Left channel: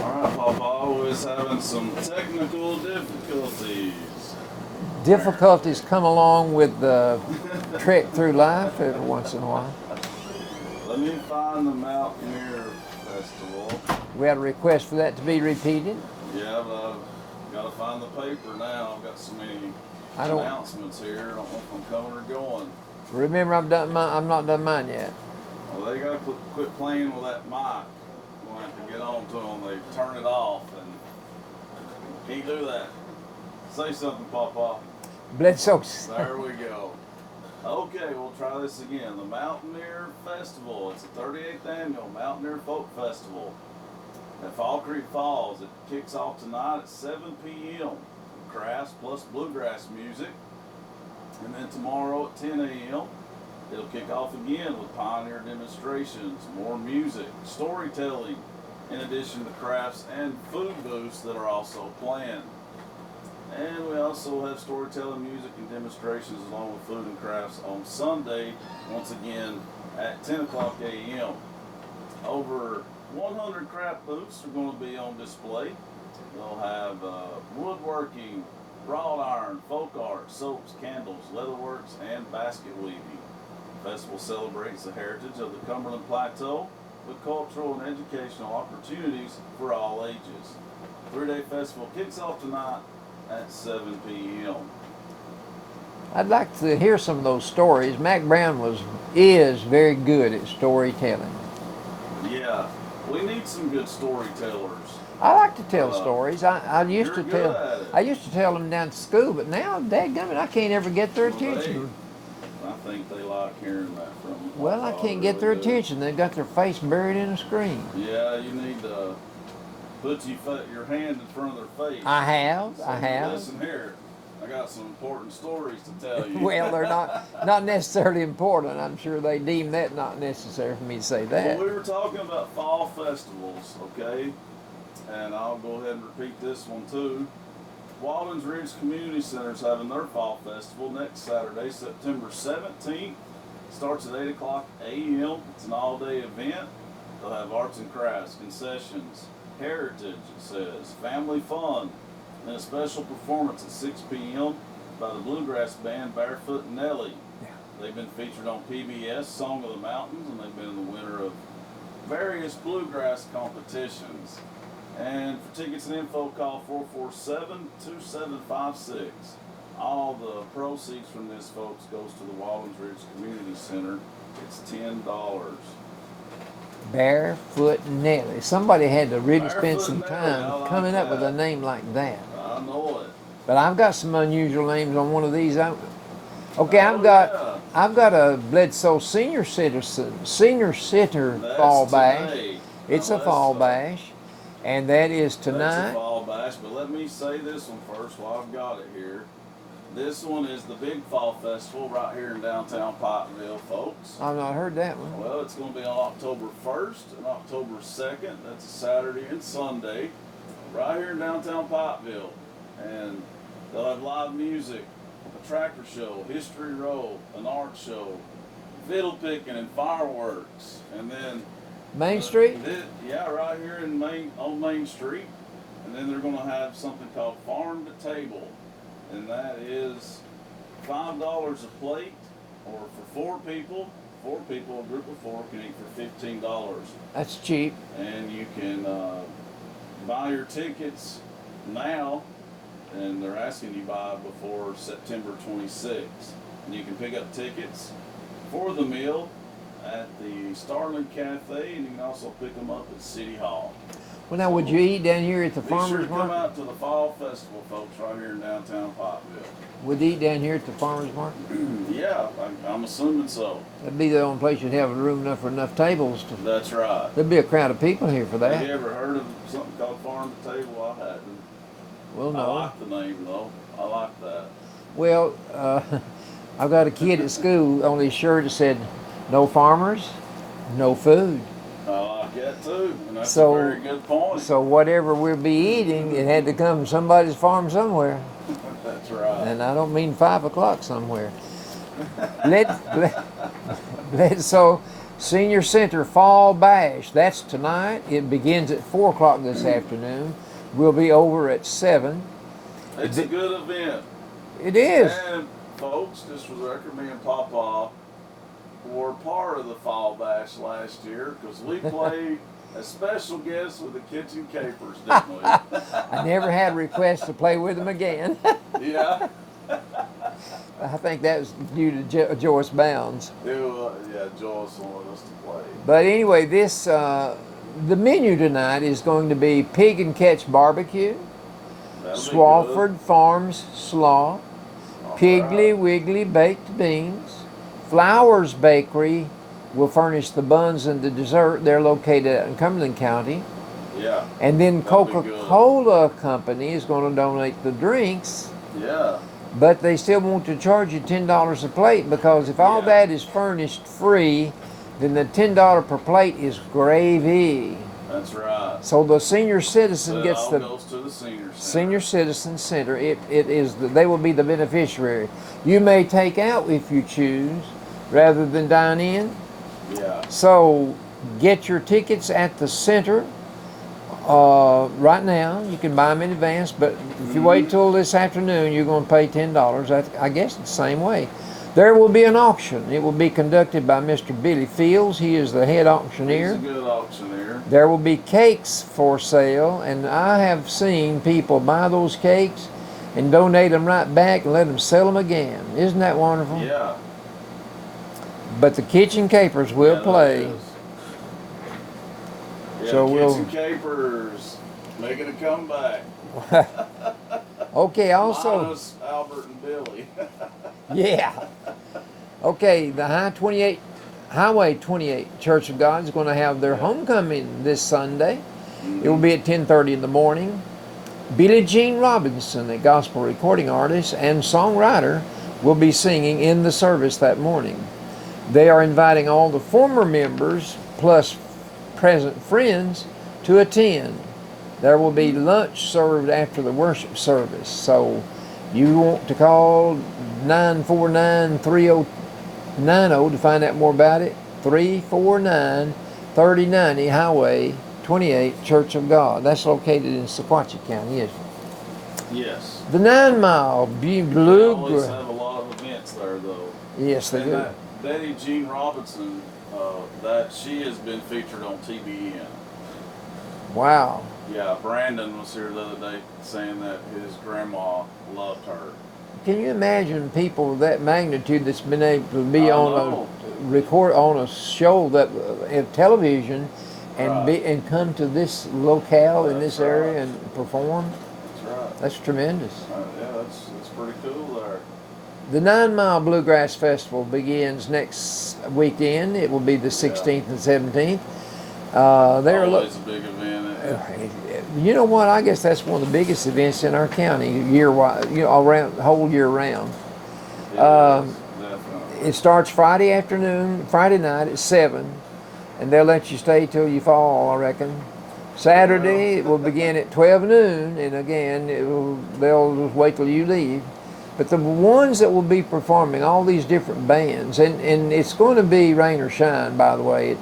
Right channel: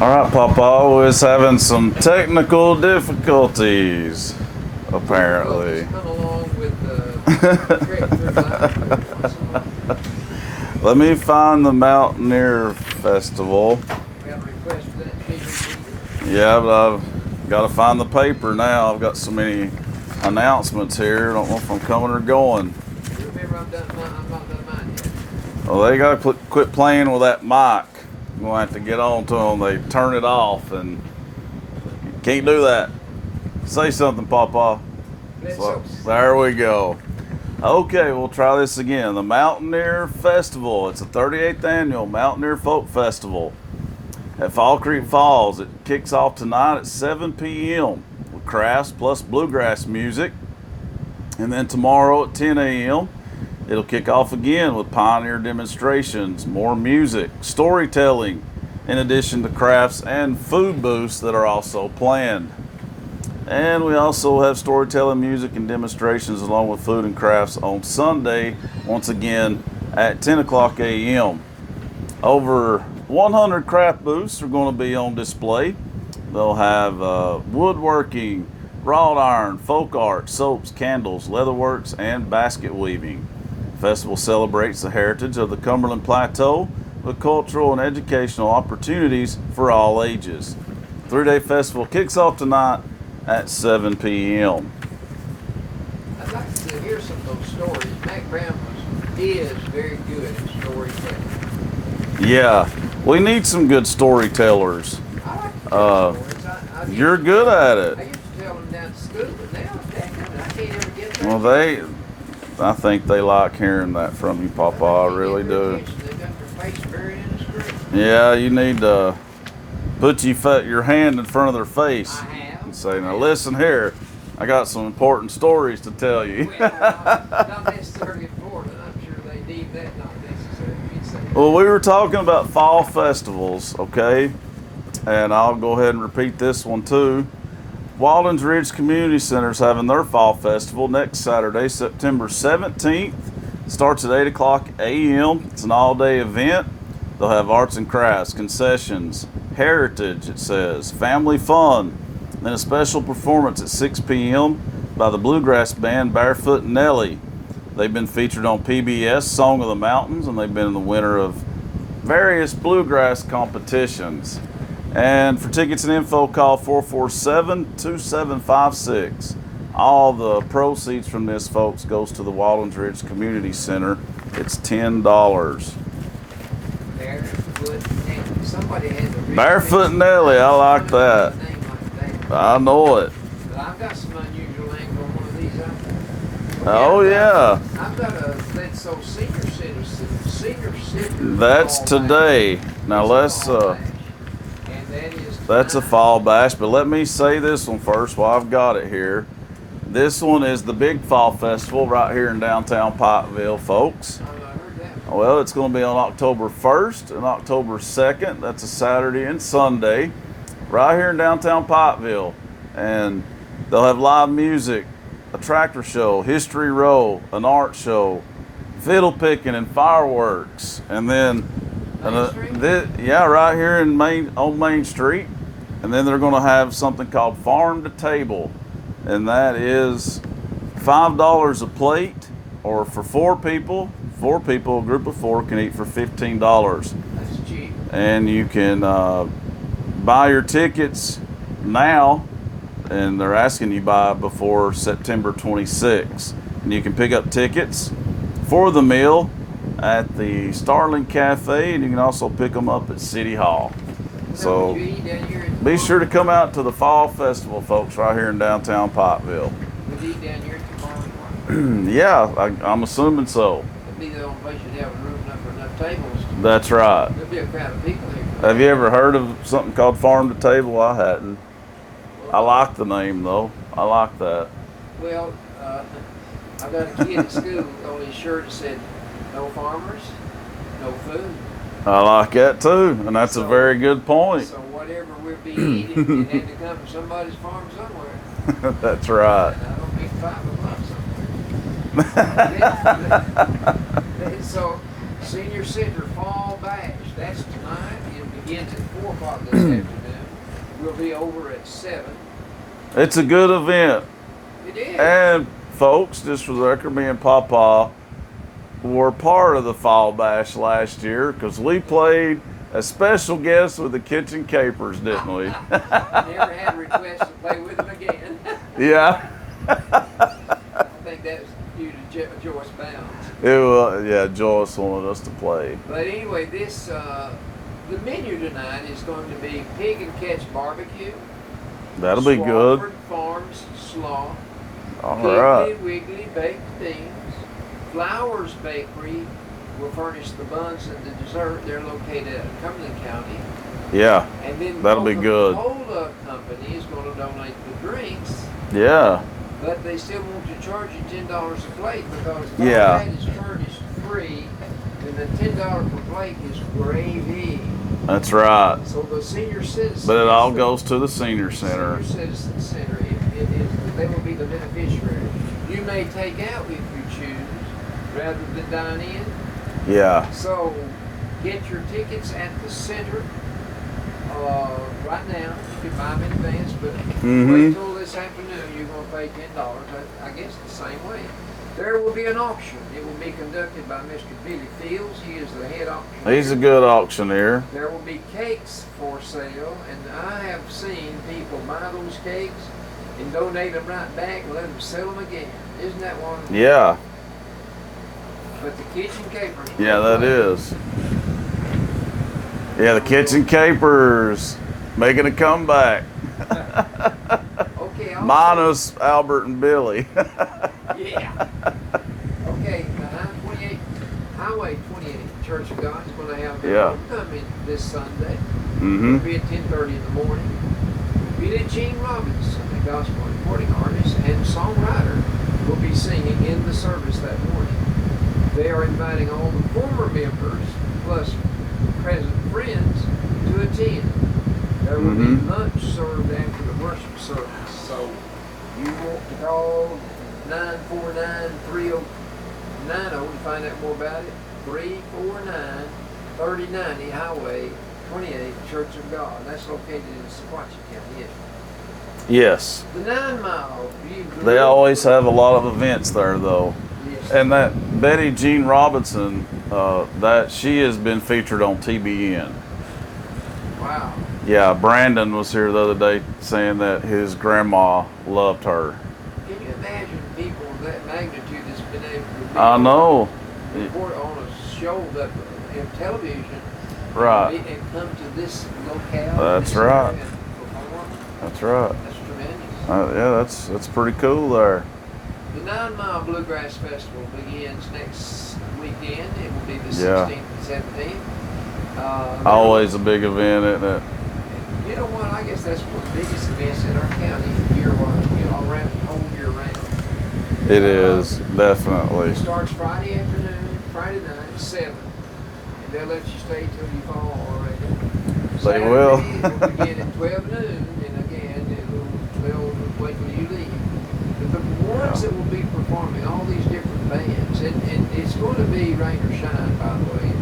All right, Papa was having some technical difficulties, apparently. Difficulties come along with the trek through life every once in a while. Let me find the Mountaineer Festival. We had a request for that to be repeated. Yeah, but I've got to find the paper now. I've got so many announcements here. I don't know if I'm coming or going. Remember, I'm not done mine yet. Well, they got to quit playing with that mic. I'm going to have to get on to them. They turn it off, and you can't do that. Say something, Papa. Bledsoe. There we go. Okay, we'll try this again. The Mountaineer Festival. It's the 38th annual Mountaineer Folk Festival at Fall Creek Falls. It kicks off tonight at 7 p.m. with crafts plus bluegrass music. And then tomorrow at 10 a.m. it'll kick off again with pioneer demonstrations, more music, storytelling, in addition to crafts and food booths that are also planned. And we also have storytelling, music, and demonstrations along with food and crafts on Sunday, once again at 10 o'clock a.m. Over 100 craft booths are going to be on display. They'll have woodworking, wrought iron, folk art, soaps, candles, leatherworks, and basket weaving. The festival celebrates the heritage of the Cumberland Plateau with cultural and educational opportunities for all ages. The 3-day festival kicks off tonight at 7 p.m. I'd like to hear some of those stories. Mac Brown is very good at storytelling. Yeah, we need some good storytellers. I like to tell stories. You're good at it. I used to tell them down at school, but now, dadgummit, I can't ever get their Well, attention. I think they like hearing that from you, Papa. Well, I can't really get their do. attention. They've got their face buried in the screen. Yeah, you need to put your hand in front of their face. I have. And say, now listen here, I got some important stories to tell you. Well, they're not necessarily important. I'm sure they deem that not necessary for me to say that. Well, we were talking about fall festivals, okay? And I'll go ahead and repeat this one too. Waldens Ridge Community Center is having their fall festival next Saturday, September 17th. It starts at 8 o'clock a.m. It's an all-day event. They'll have arts and crafts, concessions, heritage, it says, family fun, then a special performance at 6 p.m. by the bluegrass band Barefoot Nellie. They've been featured on PBS Song of the Mountains, and they've been the winner of various bluegrass competitions. And for tickets and info, call 447-2756. All the proceeds from this, folks, goes to the Waldens Ridge Community Center. It's $10. Barefoot Nellie. Somebody had to really Barefoot Nellie, I like coming up that. with a name like that. I know it. But I've got some unusual names on one of these. Okay, Oh, I've got a Bledsoe Senior Sitter. That's fall today. Bash. Now It's let's. a fall bash, and that is tonight. That's a fall bash, but let me say this one first while I've got it here. This one is the Big Fall Festival right here in downtown Pikeville, folks. I've not heard that one. Well, it's going to be on October 1st and October 2nd. That's a Saturday and Sunday, right here in downtown Pikeville. And they'll have live music, a tractor show, history row, an art show, fiddle picking, and fireworks. And then Main Street? Yeah, right here on Main Street. And then they're going to have something called Farm to Table, and that is $5 a plate, or for four people, a group of four can eat for $15. That's cheap. And you can buy your tickets now, and they're asking you buy before September 26th. And you can pick up tickets for the meal at the Starling Cafe, and you can also pick them up at City Hall. Well, now, would you eat down here at the Be farm? sure to come out to the Fall Festival, folks, right here in downtown Pikeville. Would you eat down here at the farmer's market? Yeah, I'm assuming so. That'd be the only place you'd have room enough for enough tables. That's right. There'd be a crowd of people here for that. Have you ever heard of something called Farm to Table? I hadn't. Well, I no. like the name, though. I like that. Well, I got a kid at school on his shirt that said, "No farmers, no food." I like that, too, and that's a very good point. So whatever we'll be eating, it had to come from somebody's farm somewhere. That's right. And I don't mean 5 o'clock somewhere. So Senior Center Fall Bash. That's tonight. It begins at 4 o'clock this afternoon. We'll be over at 7. It's a good event. It is. And folks, just for the record, me and Papa were part of the Fall Bash last year because we played a special guest with the Kitchen Capers, didn't we? I never had requests to play with them again. Yeah. I think that was due to Joyce Bounds. It was, yeah, Joyce wanted us to play. But anyway, the menu tonight is going to be Pig and Catch Barbecue. That'll be Swafford good. Farms Slaw. All Piggly right. Wiggly Baked Beans. Flowers Bakery will furnish the buns and the dessert. They're located in Cumberland County. Yeah. And then That'll be good. Coca-Cola Company is going to donate the drinks. Yeah. But they still want to charge you $10 a plate because if all Yeah. that is furnished free, then the $10 per plate is gravy. That's right. So the senior citizen But it gets all the goes to the senior center. Senior Citizen Center. It is they will be the beneficiary. You may take out if you choose, rather than dine in. Yeah. So get your tickets at the center. Right now, you can buy them in advance, but if you wait till this afternoon, you're going to pay $10. I guess it's the same way. There will be an auction. It will be conducted by Mr. Billy Fields. He is the head auctioneer. He's a good auctioneer. There will be cakes for sale, and I have seen people buy those cakes and donate them right back and let them sell them again. Isn't that wonderful? Yeah. But the Kitchen Capers will Yeah, that play. is. Yeah, So the Kitchen Capers making a comeback. Okay, also. Minus Albert and Billy. Yeah. Okay, the Highway 28 Church of God is going to have their Yeah. homecoming this Sunday. It will be at 10:30 in the morning. Billie Jean Robinson, a gospel recording artist and songwriter, will be singing in the service that morning. They are inviting all the former members plus present friends to attend. There will be lunch served after the worship service. So you want to call 949-3090 to find out more about it. 349-3090 Highway 28 Church of God. That's located in Sequatchie County, isn't it? Yes. The 9 Mile Blue. They always have a lot of events there, though. Yes. And that Betty Jean Robinson, that she has been featured on TBN. Wow. Yeah, Brandon was here the other day saying that his grandma loved her. Can you imagine people of that magnitude that's been able to be I on know. report on a show that television Right. and come to this locale in That's this right. area and perform? That's right. That's tremendous. Yeah, that's pretty cool there. The 9 Mile Bluegrass Festival begins next weekend. It will be the 16th and 17th. Always a big event, isn't it? You know what? I guess that's one of the biggest events in our county year-wise, around the whole year round. It is, definitely. It starts Friday night at 7, and they'll let you stay till you fall, I reckon. Saturday it will begin at 12 noon, and again they'll wait till you leave. But the ones that will be performing, all these different bands, and it's going to be rain or shine, by the way.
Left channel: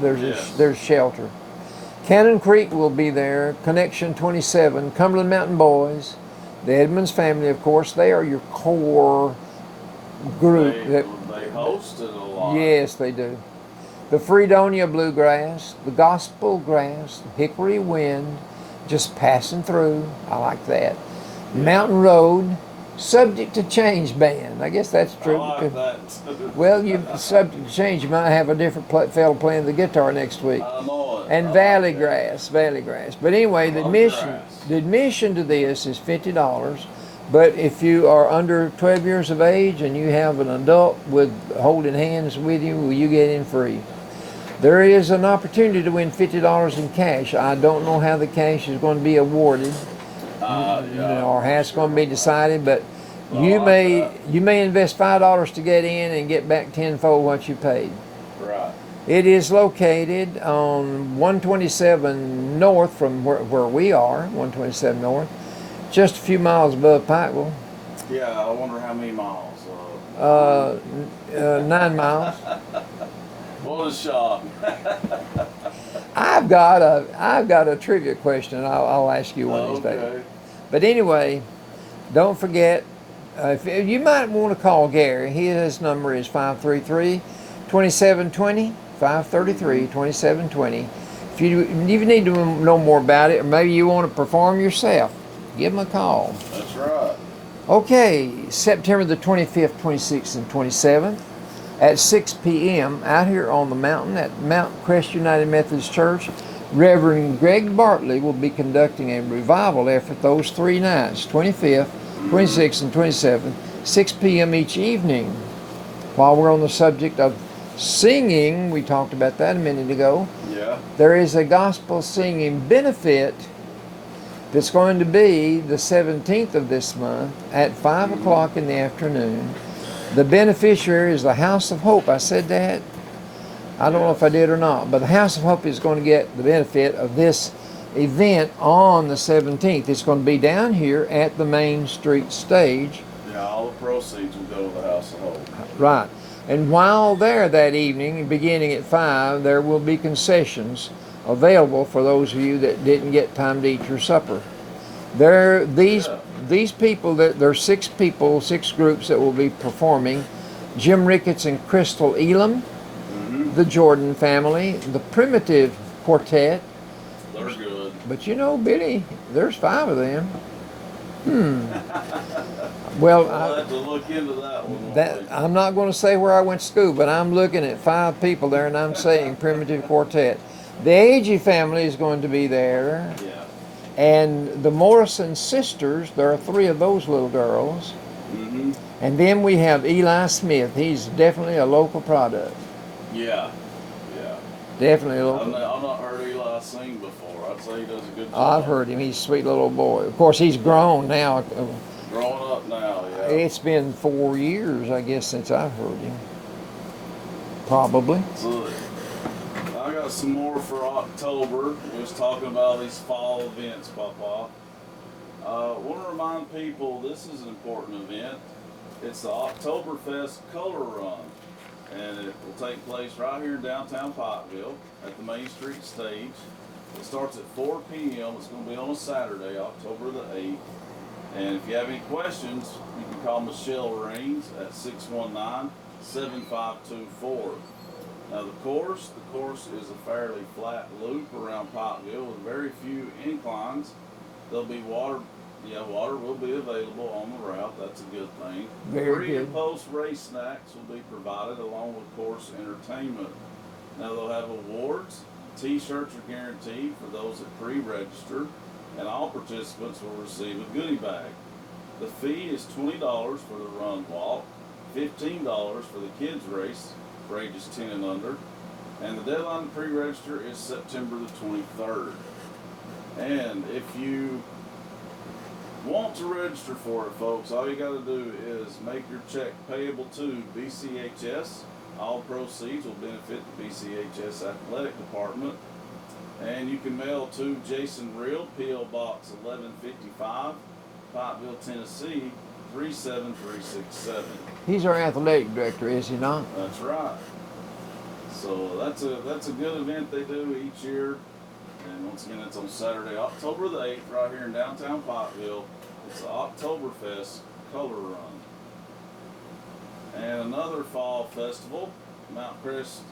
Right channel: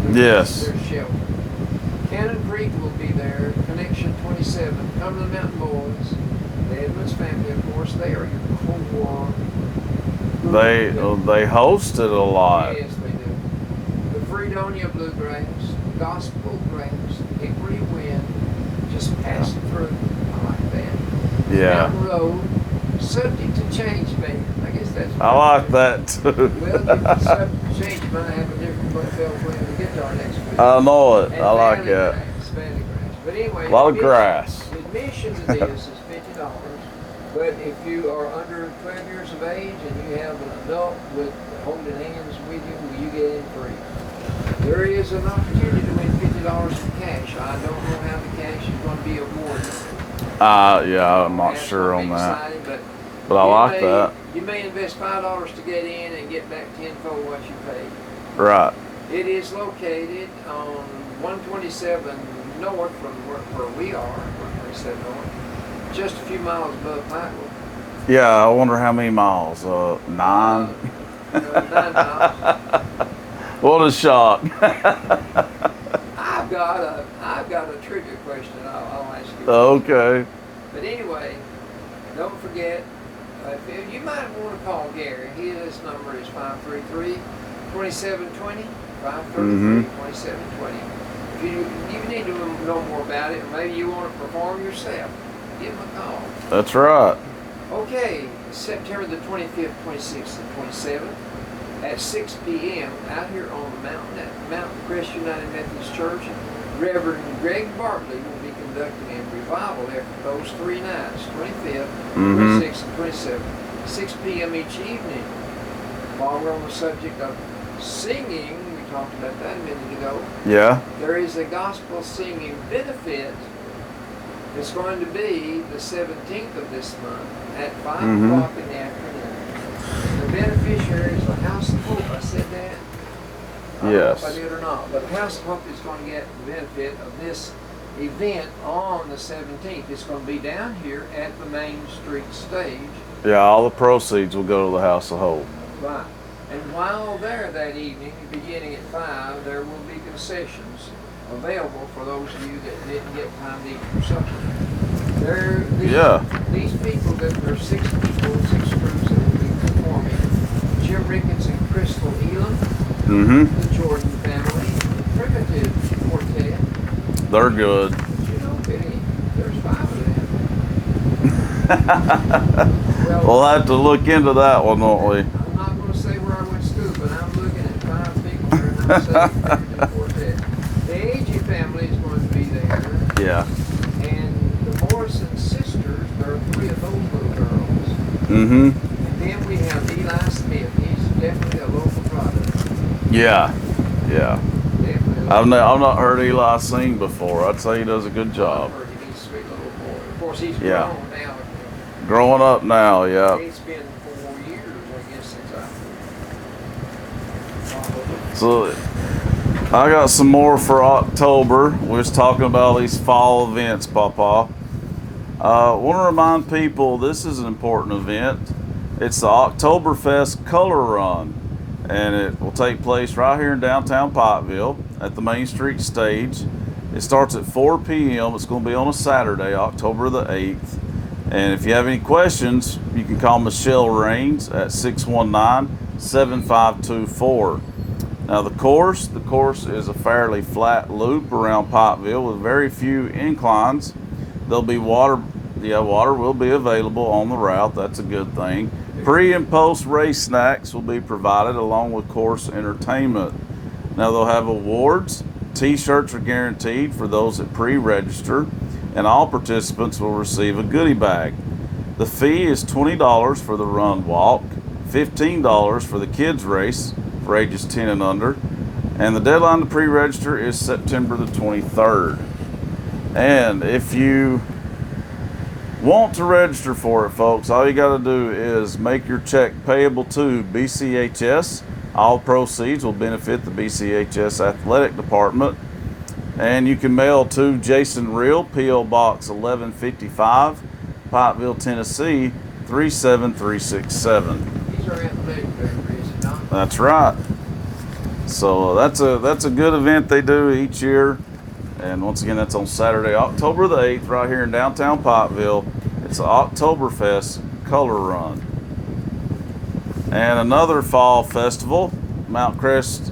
There's shelter. Cannon Creek will be there, Connection 27, Cumberland Mountain Boys, the Edmonds family, of course. They are your core group. They host it a lot. Yes, they do. The Fredonia Bluegrass, the Gospel Grass, Hickory Wind, just passing through. I like that. Yeah. Mountain Road, Subject to Change Band. I guess that's I like that too. Well, Subject to Change, you might have a different fellow playing the guitar next week. I know it. And I Valley like Grass. But anyway, a lot of grass. the admission to this is $50. But if you are under 12 years of age and you have an adult with holding hands with you, you get in free. There is an opportunity to win $50 in cash. I don't know how the cash is going to be awarded. I'm or not that's sure going to be on that. decided, but I like that. you may invest $5 to get in and get back tenfold what you paid. Right. It is located on 127 north from where we are, 127 north, just a few miles above Pikeville. Yeah, I wonder how many miles. 9. 9 miles. What a shock. I've got a trivia question. I'll ask you. Okay. But anyway, don't forget. If you might want to call Gary. His number is 533-2720. 533-2720. If you need to know more about it, or maybe you want to perform yourself, give him a call. That's right. Okay, September the 25th, 26th, and 27th at 6 p.m. out here on the mountain at Mount Crest United Methodist Church. Reverend Greg Bartley will be conducting a revival effort those 3 nights, 25th, 26th, and 27th, 6 p.m. each evening. While we're on the subject of singing, we talked about that a minute ago. Yeah. There is a gospel singing benefit that's going to be the 17th of this month at 5 o'clock in the afternoon. The beneficiary is the House of Hope. I said that. I don't know if I did or not, but the House of Hope is going to get the benefit of this event on the 17th. It's going to be down here at the Main Street stage. Yeah, all the proceeds will go to the House of Hope. Right. And while there that evening, beginning at 5, there will be concessions available for those of you that didn't get time to eat your supper. These people, there's 6 people, 6 groups that will be performing. Jim Ricketts and Crystal Elam, the Jordan family, the Primitive Quartet. They're good. But you know, Billy, there's 5 of them. Well, we'll have to look into that one, won't we? I'm not going to say where I went to school, but I'm looking at 5 people there, and I'm saying Primitive Quartet. The Agee family is going to be there. Yeah. And the Morrison sisters, there are 3 of those little girls. And then we have Eli Smith. He's definitely a local product. Yeah. Yeah. Definitely a local I've not heard Eli sing before. I'd say he does a good job. I've heard him. He's a sweet little boy. Of course, he's grown now. Growing up now, yeah. It's been 4 years, I guess, since I've heard him. Probably. So I got some more for October. We was talking about all these fall events, Papa. Want to remind people this is an important event. It's the Oktoberfest Color Run, and it will take place right here in downtown Pikeville at the Main Street stage. It starts at 4 p.m. It's going to be on a Saturday, October the 8th. And if you have any questions, you can call Michelle Raines at 619-7524. Now the course is a fairly flat loop around Pikeville with very few inclines. There'll be water will be available on the route. That's a good thing. Pre and post race snacks will be provided along with course entertainment. Now they'll have awards. T-shirts are guaranteed for those that pre-register, and all participants will receive a goodie bag. The fee is $20 for the run walk, $15 for the kids race for ages 10 and under, and the deadline to pre-register is September the 23rd. And if you want to register for it, folks, all you got to do is make your check payable to BCHS. All proceeds will benefit the BCHS Athletic Department. And you can mail to Jason Reel, P.O. Box 1155, Pikeville, Tennessee 37367. He's our athletic director, is he not? That's right. So that's a good event they do each year. And once again, that's on Saturday, October the 8th, right here in downtown Pikeville. It's the Oktoberfest Color Run. And another fall festival, Mount Crest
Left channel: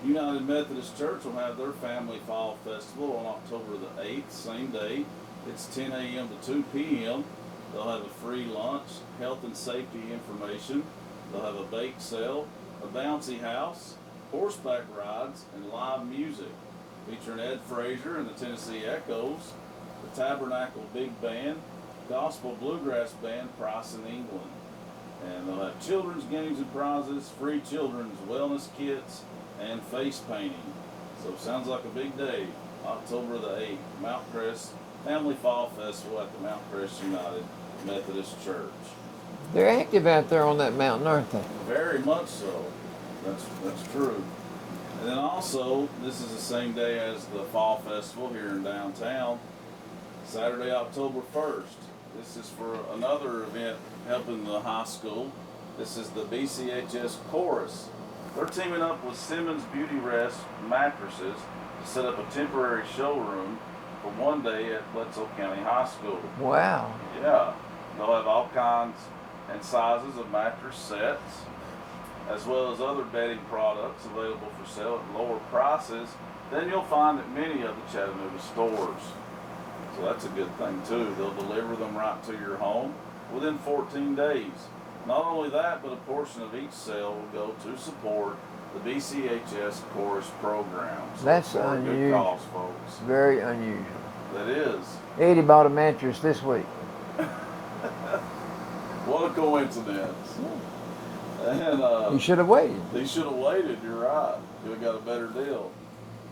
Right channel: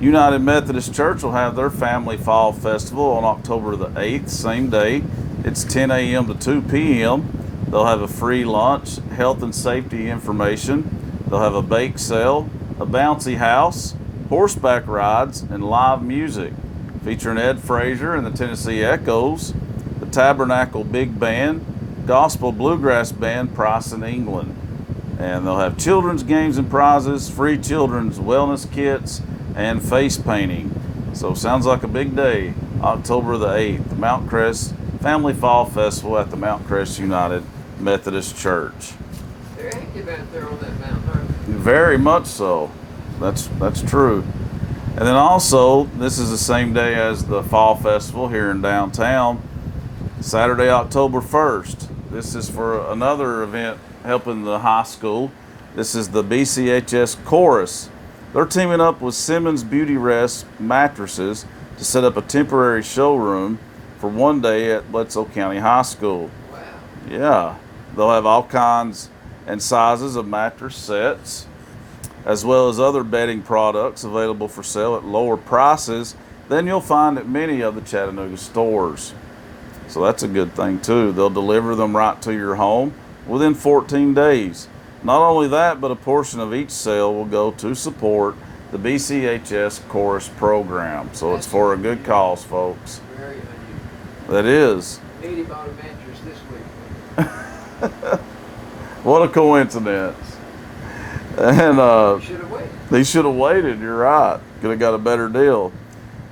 United Methodist Church will have their Family Fall Festival on October the 8th, same day. It's 10 a.m. to 2 p.m. They'll have a free lunch, health and safety information. They'll have a bake sale, a bouncy house, horseback rides, and live music featuring Ed Frazier and the Tennessee Echoes, the Tabernacle Big Band, Gospel Bluegrass Band, Price in England. And they'll have children's games and prizes, free children's wellness kits, and face painting. So sounds like a big day, October the 8th, the Mount Crest Family Fall Festival at the Mount Crest United Methodist Church. They're active out there on that mountain, aren't they? Very much so. That's true. And then also, this is the same day as the Fall Festival here in downtown, Saturday, October 1st. This is for another event helping the high school. This is the BCHS Chorus. They're teaming up with Simmons Beauty Rest Mattresses to set up a temporary showroom for one day at Bledsoe County High School. Wow. Yeah, they'll have all kinds and sizes of mattress sets, as well as other bedding products available for sale at lower prices than you'll find at many of the Chattanooga stores. So that's a good thing too. They'll deliver them right to your home within 14 days. Not only that, but a portion of each sale will go to support the BCHS Chorus program. So That's it's for a good unusual. cause, folks. Very unusual. That is. Eddie bought a mattress this week. What a coincidence. And You should have waited. they should have waited, you're right. Could have got a better deal.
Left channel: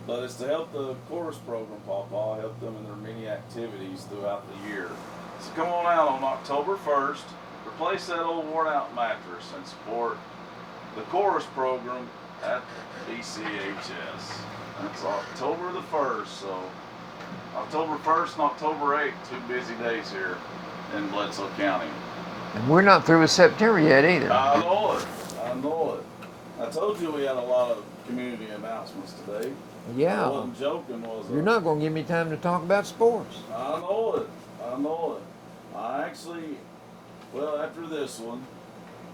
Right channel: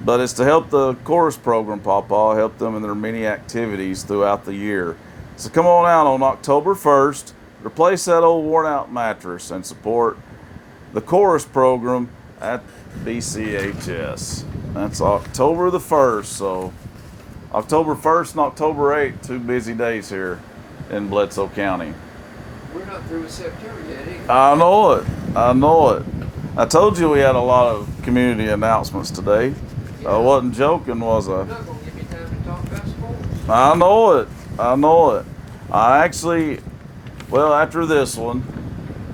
But it's to help the chorus program, Pawpaw, help them in their many activities throughout the year. So come on out on October 1st, replace that old worn out mattress and support the chorus program at BCHS. That's October the 1st, so October 1st and October 8th, 2 busy days here in Bledsoe County. And we're not through with September yet either. I know it. I know it. I told you we had a lot of community announcements today. Yeah. I wasn't joking, was You're I? not going to give me time to talk about sports. I know it. I know it. I actually, well, after this one,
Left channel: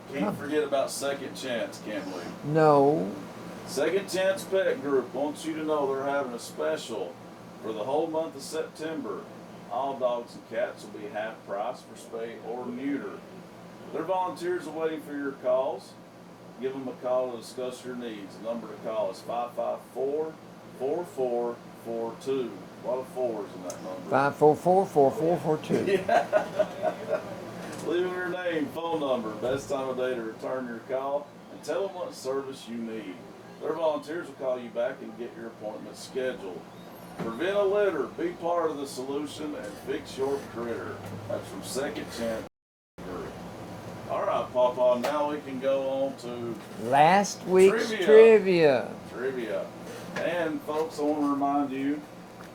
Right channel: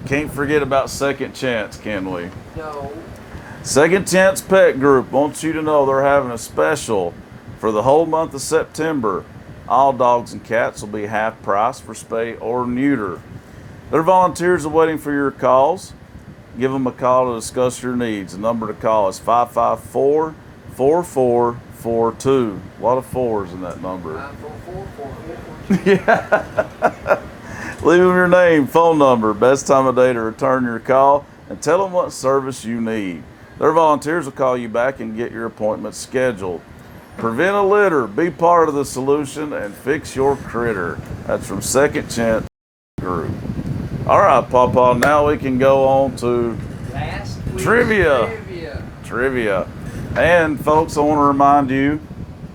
can't forget about Second Chance, can we? No. Second Chance Pet Group wants you to know they're having a special for the whole month of September. All dogs and cats will be half price for spay or neuter. Their volunteers are waiting for your calls. Give them a call to discuss your needs. The number to call is 554-4442. A lot of fours in that number. 544-4442. Yeah. Leave them your name, phone number, best time of day to return your call, and tell them what service you need. Their volunteers will call you back and get your appointment scheduled. Prevent a litter, be part of the solution, and fix your critter. That's from Second Chance Group. All right, Pawpaw, now we can go on to Last week's Trivia. And folks, I want to remind you,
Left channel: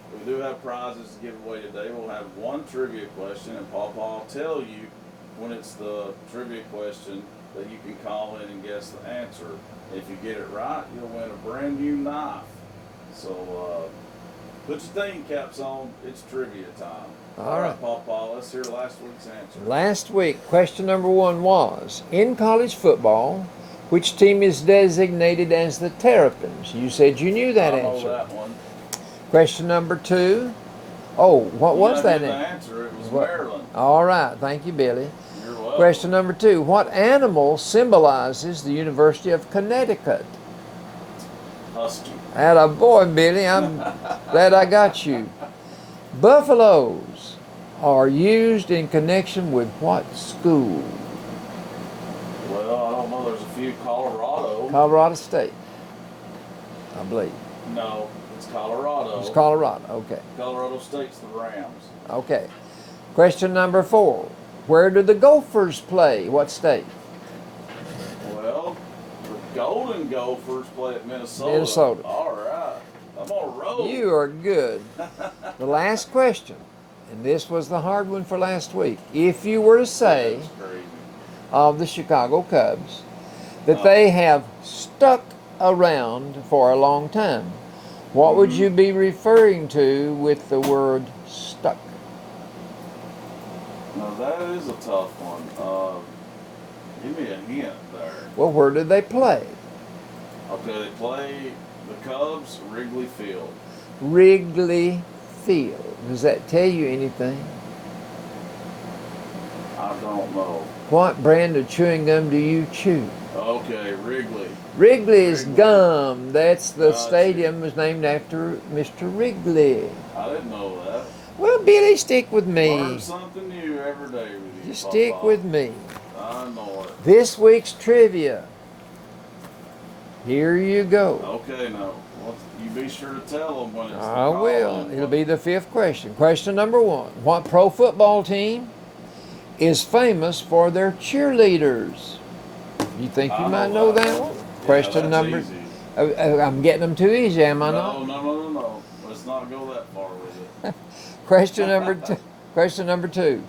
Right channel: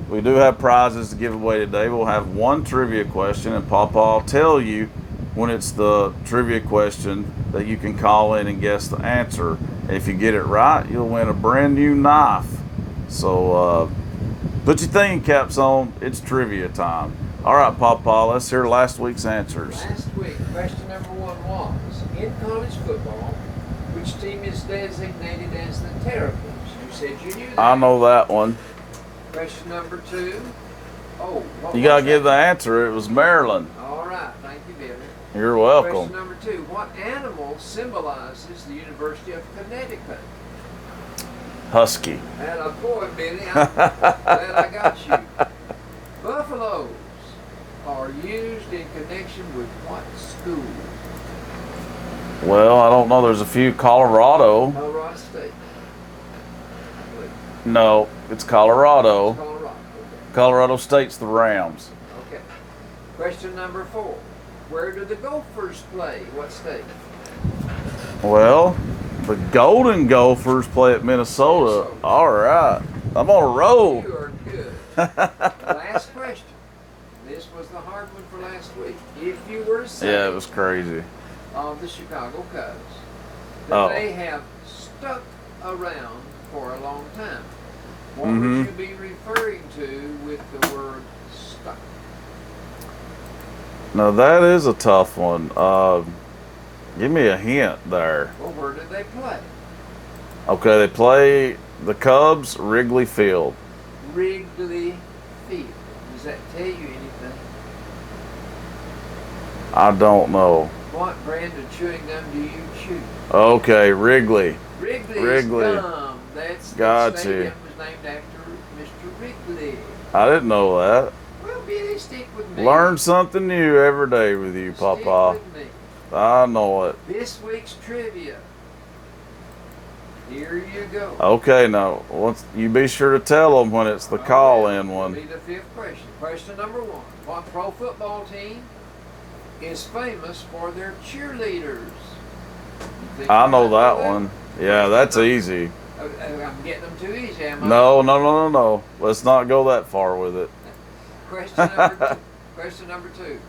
we do have prizes to give away today. We'll have one trivia question, and Pawpaw will tell you when it's the trivia question that you can call in and guess the answer. If you get it right, you'll win a brand new knife. So put your thinking caps on. It's trivia time. All right, Pawpaw, let's hear last week's answers. Last week, question number 1 was, in college football, which team is designated as the Terrapins? You said you knew that. I know answer. that one. Question number 2. Oh, what You was got to that? give the answer. It was Maryland. All right, thank you, Billy. You're welcome. Question number 2. What animal symbolizes the University of Connecticut? Husky. Atta boy, Billy. I'm glad I got you. Buffaloes are used in connection with what school? Well, I don't know. There's a few. Colorado. Colorado State, I believe. No, it's Colorado. It's Colorado. Okay. Colorado State's the Rams. Okay. Question number 4. Where do the Gophers play? What state? Well, the Golden Gophers play at Minnesota. Minnesota. All right. I'm on a roll. You are good. The last question, and this was the hard one for last week. If you were to say Yeah, it was crazy. of the Chicago Cubs that Oh. they have stuck around for a long time, what would you be referring to with the word stuck? Now, that is a tough one. Give me a hint there. Well, where did they play? Okay, they play the Cubs, Wrigley Field. Wrigley Field. Does that tell you anything? I don't know. What brand of chewing gum do you chew? Okay, Wrigley. Wrigley's Wrigley. Gum. That's the Gotcha. stadium was named after Mr. Wrigley. I didn't know that. Well, Billy, stick with me. Learn something new every day with you, Stick Papa. with me. I know it. This week's trivia. Here you go. Okay, now you be sure to tell them when it's the I call-in will. one. It'll be the 5th question. Question number 1. What pro football team is famous for their cheerleaders? You think you I know might that one. Yeah, Question that's number- easy. I'm getting them too easy, am I? No. Let's not go that far with it. Question number question number 2.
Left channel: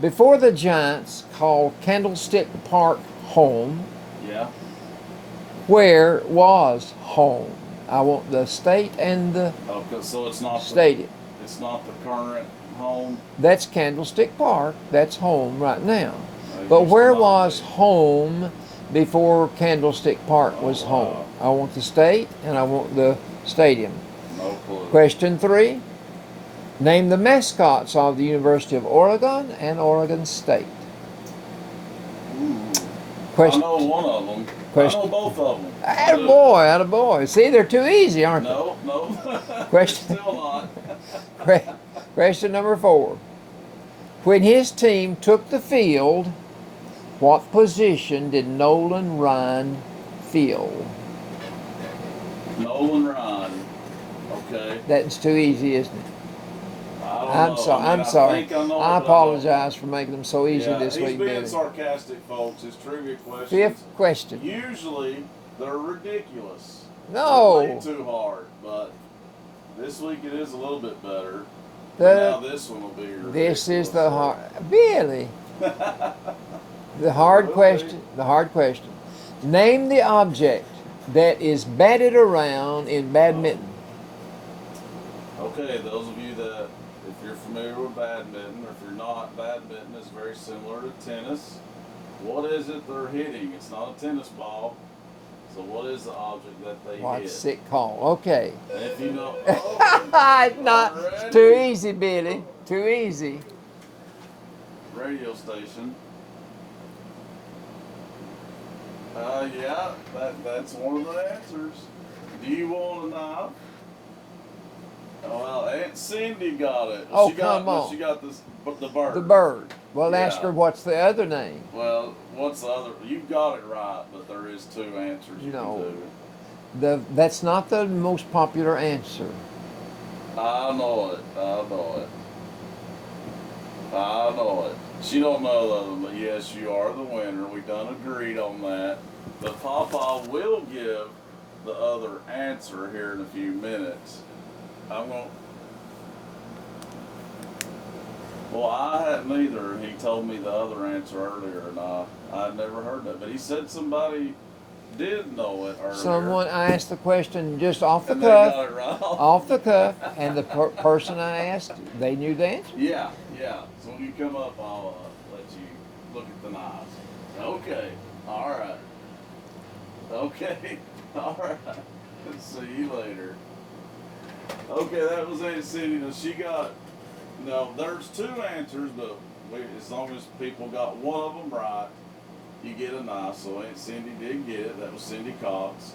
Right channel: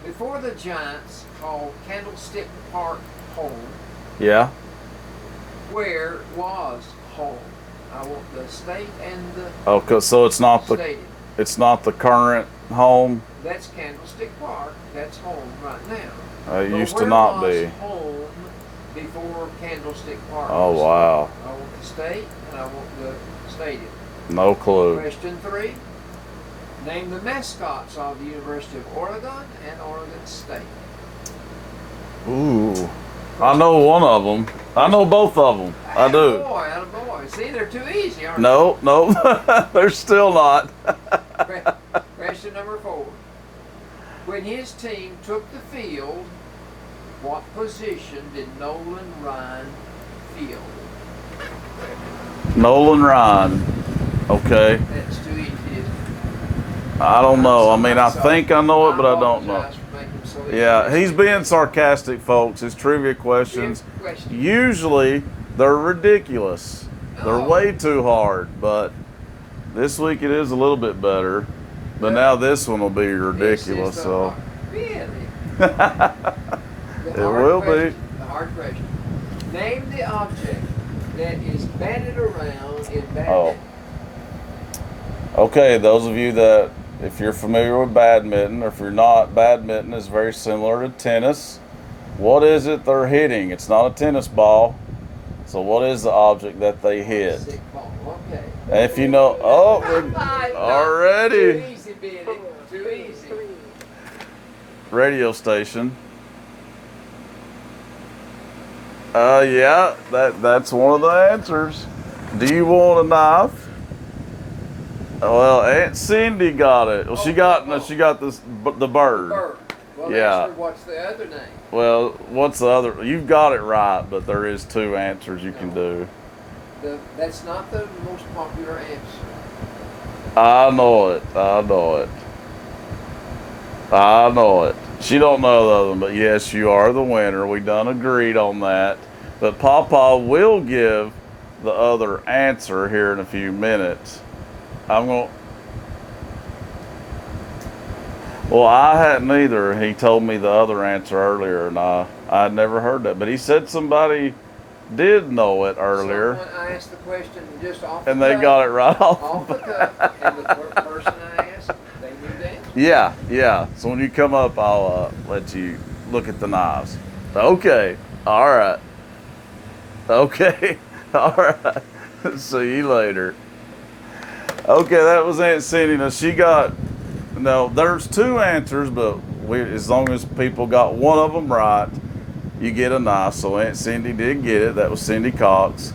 Before the Giants called Candlestick Park home, Yeah. Where was home? I want the state and the Okay, so it's not stadium. it's not the current home. That's Candlestick Park. That's home right now. It But used to where not was be. home before Candlestick Park Oh, was wow. home? I want the state and I want the stadium. No clue. Question 3. Name the mascots of the University of Oregon and Oregon State. Ooh. I Question- know one of them. I know both of them. I do. Attaboy. See, they're too easy, aren't No, no. They're still not. they? Question number 4. When his team took the field, what position did Nolan Ryan fill? Nolan Ryan. Okay. That's too easy, isn't it? I don't know. I mean, I think I know it, but I don't know. I apologize for making them so easy. Yeah, this he's week, being Billy. sarcastic, folks. His trivia questions. 5th question. Usually, they're ridiculous. No. They're way too hard, but this week it is a little bit better. But But now this one will be ridiculous. This is the so. hard. Billy. The It hard will question. be. The hard question. Name the object that is batted around in badminton. Okay, those of you that, if you're familiar with badminton, or if you're not, badminton is very similar to tennis. What is it they're hitting? It's not a tennis ball. So what is the object that they What a hit? sick call. Okay. And if you know, oh, already. Too easy, Billy. Too easy. Radio station. Yeah, that's one of the answers. Do you want a knife? Well, Aunt Cindy got it. Well, Oh, she got come on. the bird. The bird. Well, Yeah. ask her what's the other name. Well, what's the other? You've got it right, but there is 2 answers you can No. do. That's not the most popular answer. I know it. I know it. I know it. She don't know the other one, but yes, you are the winner. We done agreed on that. But Papa will give the other answer here in a few minutes. I'm going. Well, I hadn't either. He told me the other answer earlier, and I'd never heard that. But he said somebody did know it earlier, Someone asked the question just off the and cuff. they got it right off. Off the cuff, and the person I asked, they knew the answer. Yeah, yeah. So when you come up, I'll let you look at the knives. Okay. All right. Okay. All right. See you later. Okay, that was Aunt Cindy. Now she got. No, there's 2 answers, but as long as people got one of them right, you get a knife. So Aunt Cindy did get it. That was Cindy Cox.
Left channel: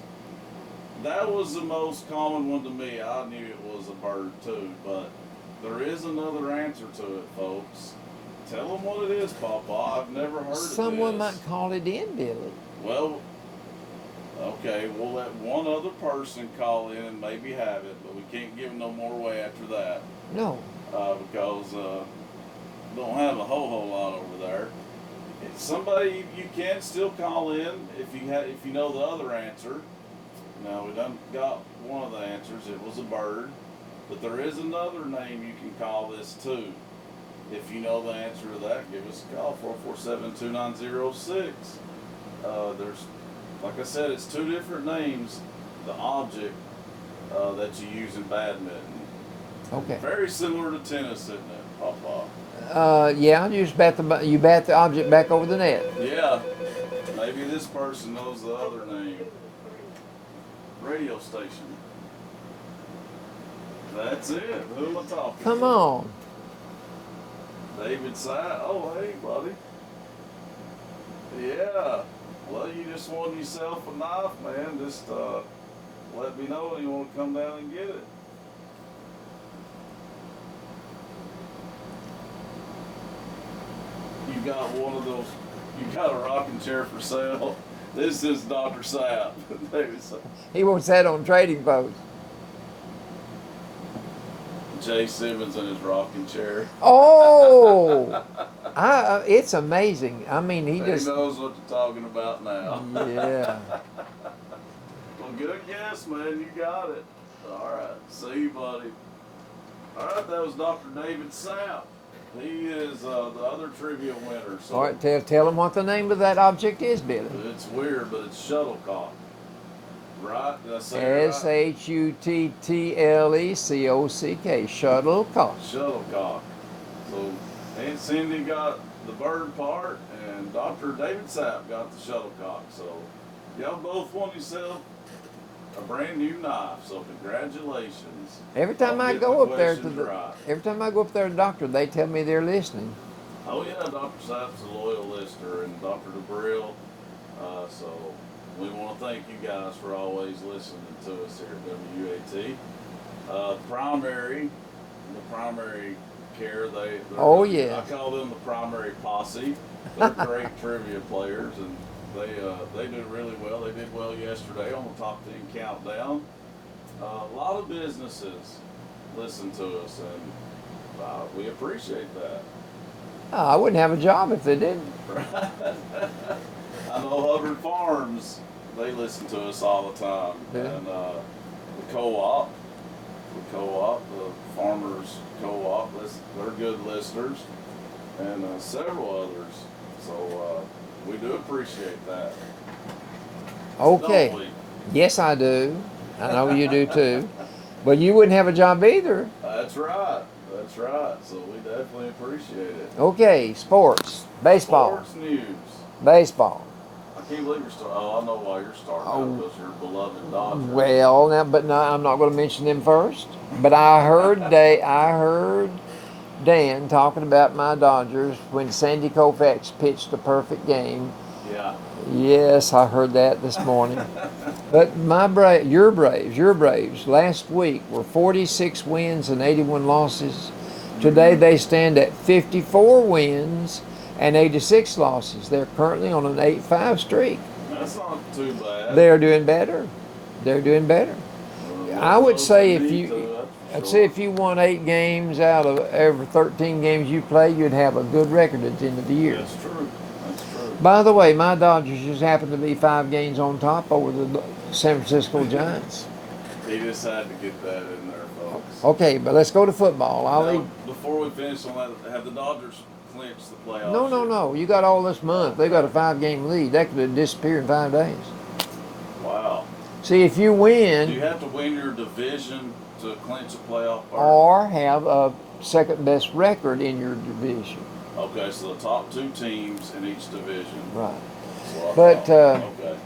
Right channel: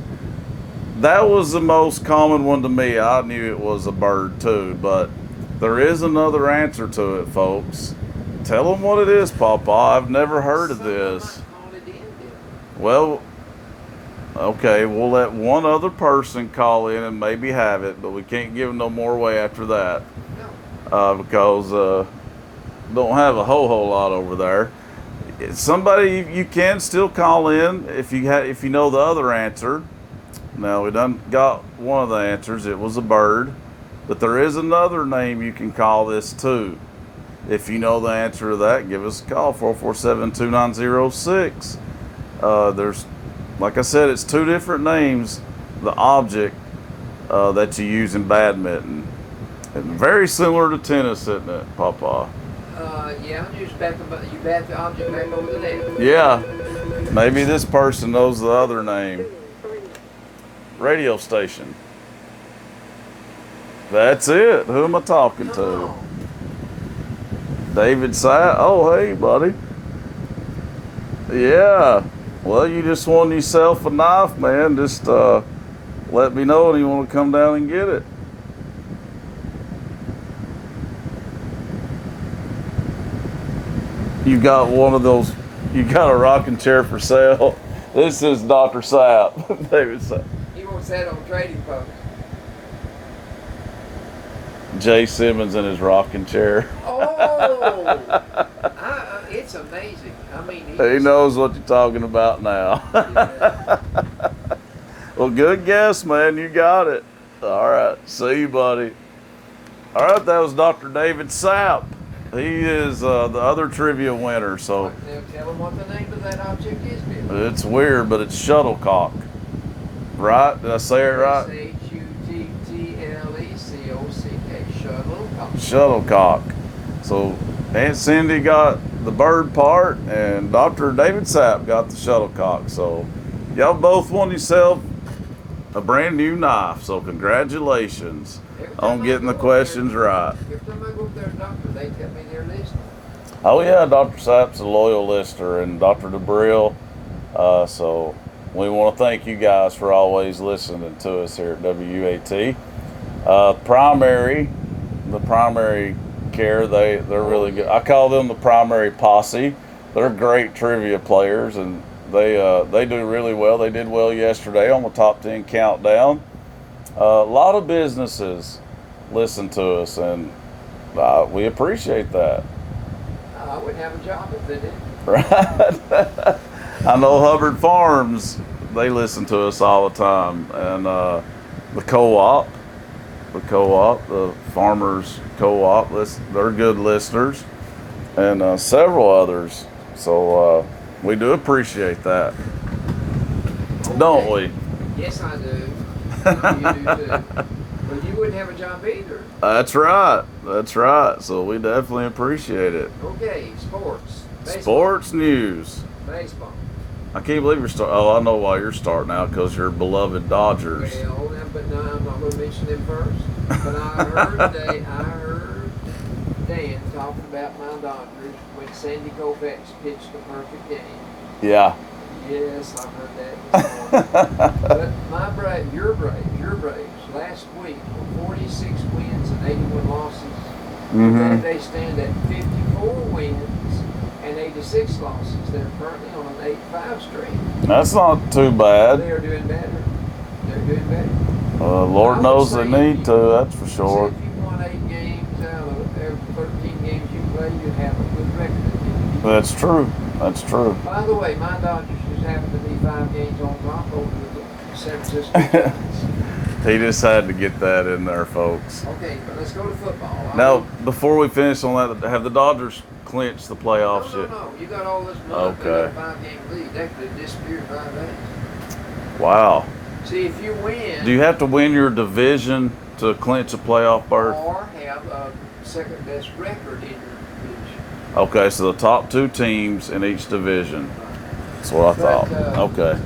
That was the most common one to me. I knew it was a bird too, but there is another answer to it, folks. Tell them what it is, Papa. I've never heard of Someone this. might call it in, Billy. Well, okay, we'll let one other person call in and maybe have it, but we can't give them no more away after that. No. Because don't have a whole lot over there. Somebody you can still call in if you know the other answer. Now we done got one of the answers. It was a bird, but there is another name you can call this too. If you know the answer to that, give us a call 447-2906. There's, like I said, it's 2 different names. The object that you use in badminton. Okay. Very similar to tennis, isn't it, Papa? Yeah, you just bat the object back over the net. Yeah. Maybe this person knows the other name. Radio station. That's it. Who am I talking to? Come on. David Satt. Oh, hey, buddy. Yeah. Well, you just won yourself a knife, man. Just let me know when you want to come down and get it. You got one of those, you got a rocking chair for sale. This is Dr. Sapp, David Sapp. He wants that on Trading Post. Jay Simmons in his rocking chair. Oh, it's amazing. I mean, He knows what you're talking about now. Yeah. Well, good guess, man. You got it. All right. See you, buddy. All right. That was Dr. David Sapp. He is the other trivia winner. All So right, tell him what the name of that object is, Billy. it's weird, but it's shuttlecock. right? Did I say it right? Shuttlecock. Shuttlecock. Shuttlecock. So Aunt Cindy got the bird part, and Dr. David Sapp got the shuttlecock. So y'all both won yourself a brand new knife. So congratulations Every time on I getting go the up questions there, right. Every time I go up there to the doctor, they tell me they're listening. Oh yeah, Dr. Sapp's a loyal listener, and Dr. DeBrill. So we want to thank you guys for always listening to us here at WUAT. The primary care, they're really good. Yeah. I call them the primary posse. They're great trivia players, and they do really well. They did well yesterday on the top 10 countdown. A lot of businesses listen to us, and we appreciate that. I wouldn't have a job if they didn't. Right? I know Hubbard Farms, they listen to us all the time, and the co-op, the farmers co-op, they're good listeners, and several others. So we do appreciate that, Okay. don't we? Yes, I do. I know you do too. But you wouldn't have a job either. That's right. That's right. So we definitely appreciate it. Okay, sports. Baseball. Sports news. Baseball. I can't believe you're starting. Oh, I know why you're starting out, because you're beloved Dodgers. Well, now, but no, I'm not going to mention them first. But I heard Dan talking about my Dodgers when Sandy Koufax pitched a perfect game. Yeah. Yes, I heard that this morning. But your Braves, last week were 46 wins and 81 losses. Today they stand at 54 wins and 86 losses. They're currently on an 8-5 streak. That's not too bad. They're doing better. Lord knows they need to, that's for sure. I'd say if you won 8 games out of every 13 games you play, you'd have a good record at the end of the year. That's true. That's true. By the way, my Dodgers just happen to be 5 games on top over the San Francisco Giants. He just had to get that in there, folks. Okay, but let's go to football. Now, before we finish on that, have the Dodgers clinched the playoffs yet? No. You got all this month. Okay. They got a 5-game lead. That could have disappeared in 5 days. Wow. See, if you win... Do you have to win your division to clinch a playoff berth? Or have a second-best record in your division. Okay, so the top 2 teams in each division. Right. That's what I thought. Okay.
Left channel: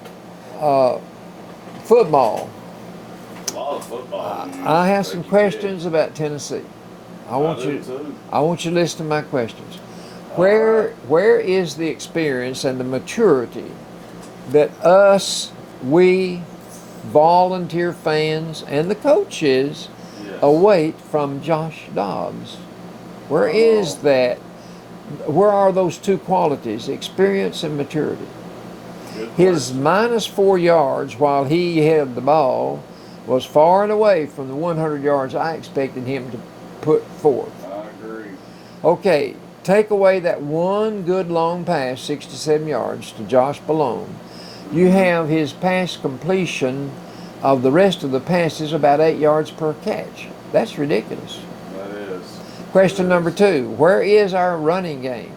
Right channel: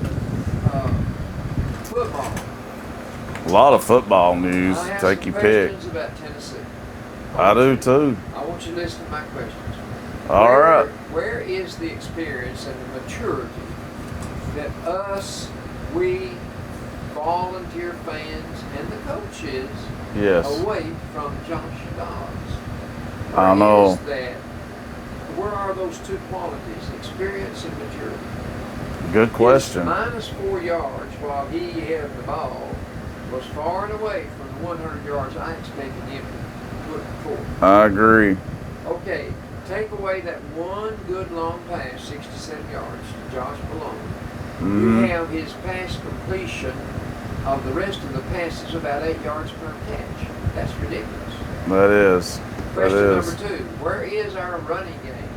Football. A lot of football news. I have Take some your questions pick. about Tennessee. I do too. I want you to listen to my questions. All right. Where is the experience and the maturity that we volunteer fans and the coaches await from Josh Dobbs? Where is that? Where are those 2 qualities, experience and maturity? Good question. His minus 4 yards while he had the ball was far and away from the 100 yards I expected him to put forth. I agree. Okay, take away that one good long pass, 67 yards, to Josh Malone. You have his pass completion of the rest of the passes about 8 yards per catch. That's ridiculous. That is. Question number 2, where is our running game?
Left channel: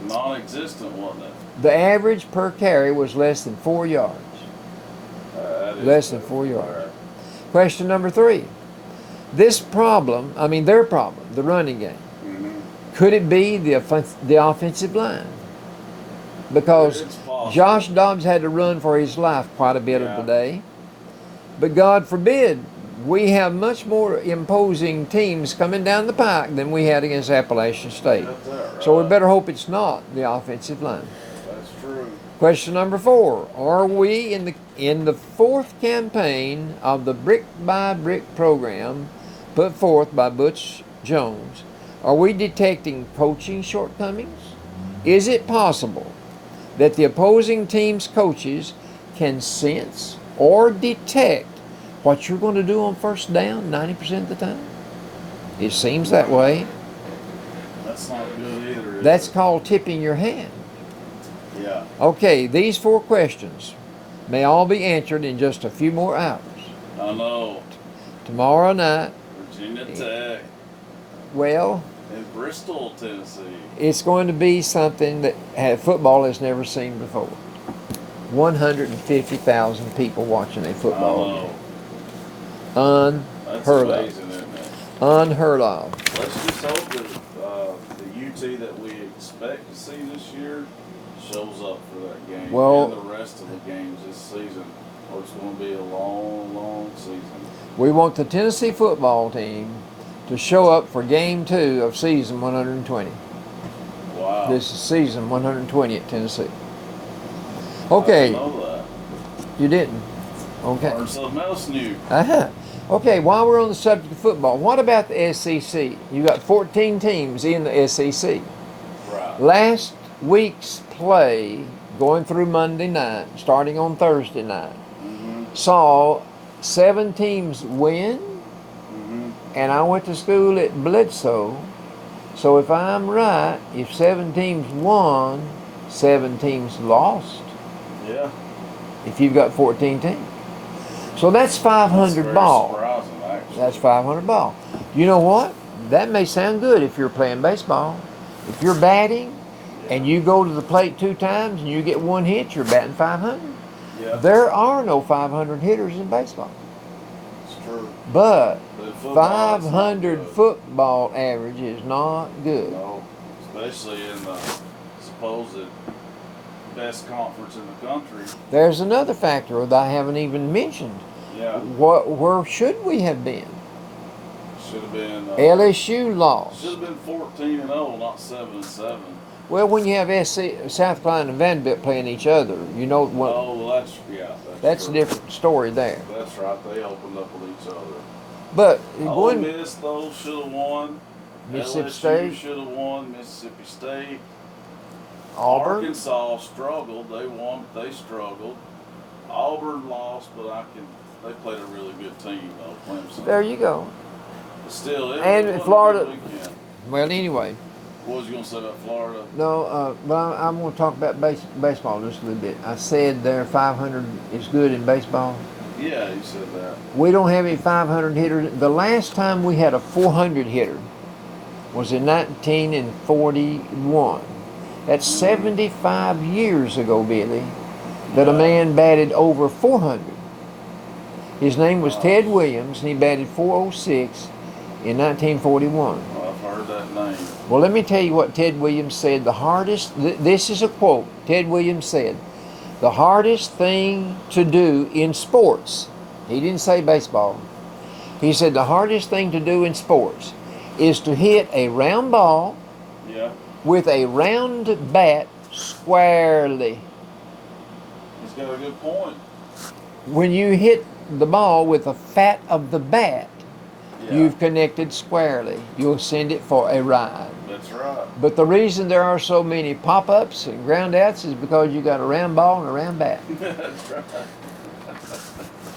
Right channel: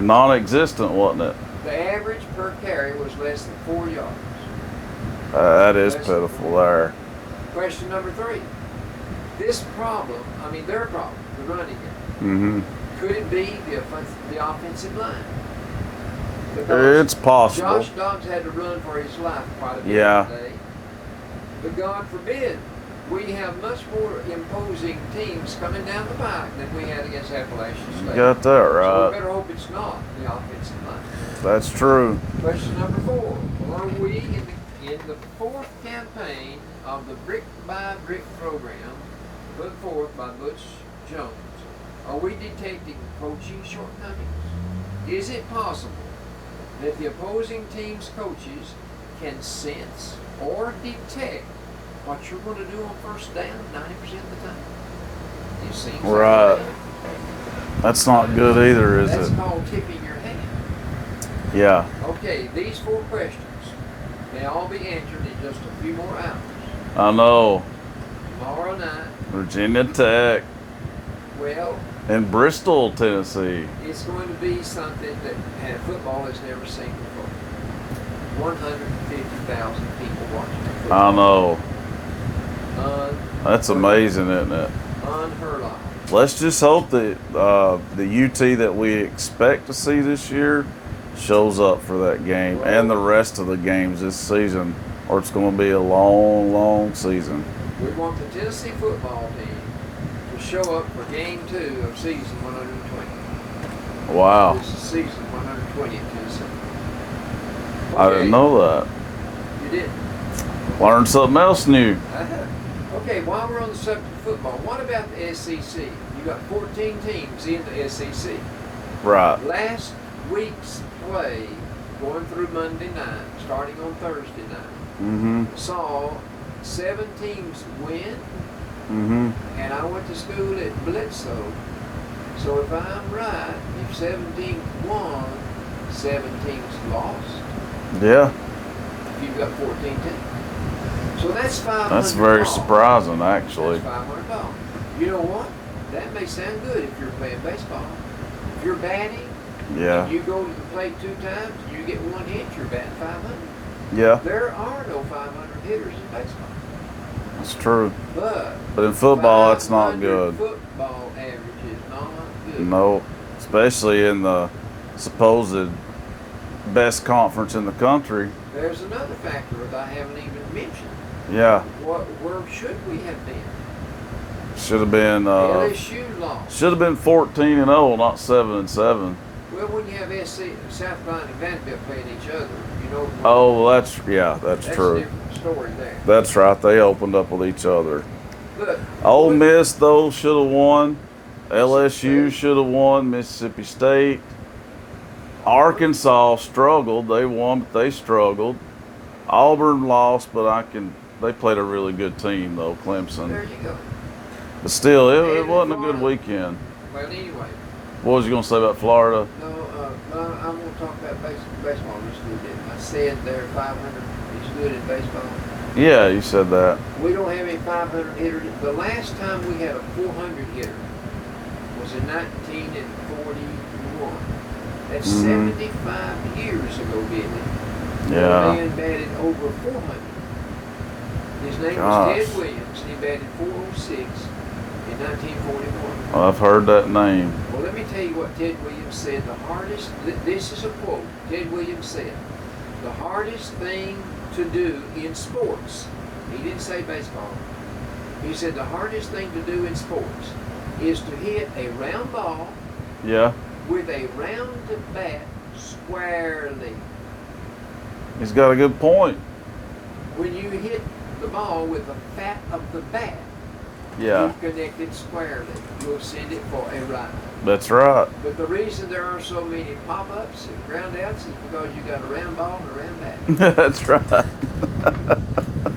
Non-existent, wasn't it? The average per carry was less than 4 yards. That is Less than pitiful 4 there. yards. Question number 3, their problem, the running game. Could it be the offensive line? Because it's possible. Josh Dobbs had to run for his life quite a bit today. But God forbid, we have much more imposing teams coming down the pike than we had against Appalachian State. Got that right. So we better hope it's not the offensive line. That's true. Question number 4, are we in the 4th campaign of the brick by brick program put forth by Butch Jones, are we detecting coaching shortcomings? Is it possible that the opposing team's coaches can sense or detect what you're going to do on first down 90% of the time? It seems that way. That's not good either, is it? That's called tipping your hand. Yeah. Okay, these 4 questions may all be answered in just a few more hours. I know. Tomorrow night, Virginia Tech well, and Bristol, Tennessee. it's going to be something that football has never seen before. 150,000 people watching a football I know. game. That's Unheard of. amazing, isn't it? Unheard of. Let's just hope that the UT that we expect to see this year shows up for that game Well- and the rest of the games this season, or it's going to be a long, long season. We want the Tennessee football team to show up for game 2 of season 120. Wow. This is season 120 at Tennessee. I Okay. didn't know that. You didn't? Okay. Learned something else new. Uh-huh. Okay, while we're on the subject of football, what about the SEC? You got 14 teams in the SEC. Right. Last week's play, going through Monday night, starting on Thursday night, Mm-hmm. saw 7 teams win, Mm-hmm. and I went to school at Bledsoe. So if I'm right, if 7 teams won, 7 teams lost. Yeah. If you've got 14 teams. So that's 500 That's very ball. surprising, actually. That's 500 ball. You know what? That may sound good if you're playing baseball. If you're batting Yeah. and you go to the plate 2 times and you get 1 hit, you're batting 500. Yeah. There are no 500 hitters in baseball. It's true. But in football, it's not 500 good. football average is not good. No. Especially in the supposed best conference in the country. There's another factor that I haven't even mentioned. Yeah. Where should we have been? Should have been LSU lost. should have been 14-0, not 7-7. Well, when you have South Carolina and Vanderbilt playing each other, you know what? Oh, that's That's true. a different story there. That's right. They opened up with each other. But Ole one- Miss though should have won. Mississippi LSU State. should have won. Mississippi State. Auburn. Arkansas struggled. They won, but they struggled. Auburn lost, but they played a really good team though, Clemson. There you go. But still, it And wasn't Florida- a good weekend. Well, anyway, What was you gonna say about Florida? no, but I'm going to talk about baseball just a little bit. I said there 500 is good in baseball. Yeah, you said that. We don't have any 500 hitters. The last time we had a 400 hitter was in 1941. That's 75 years ago, Billy, that a Yeah. man batted over 400. His name was Gosh. Ted Williams, and he batted 406 in 1941. Well, I've heard that name. Well, let me tell you what Ted Williams said. This is a quote. Ted Williams said, the hardest thing to do in sports, he didn't say baseball, he said the hardest thing to do in sports is to hit a round ball Yeah, with a round bat squarely. he's got a good point. When you hit the ball with the fat of the bat, Yeah, you've connected squarely. You'll send it for a ride. that's right. But the reason there are so many pop-ups and ground-outs is because you got a round ball and a round bat. That's right.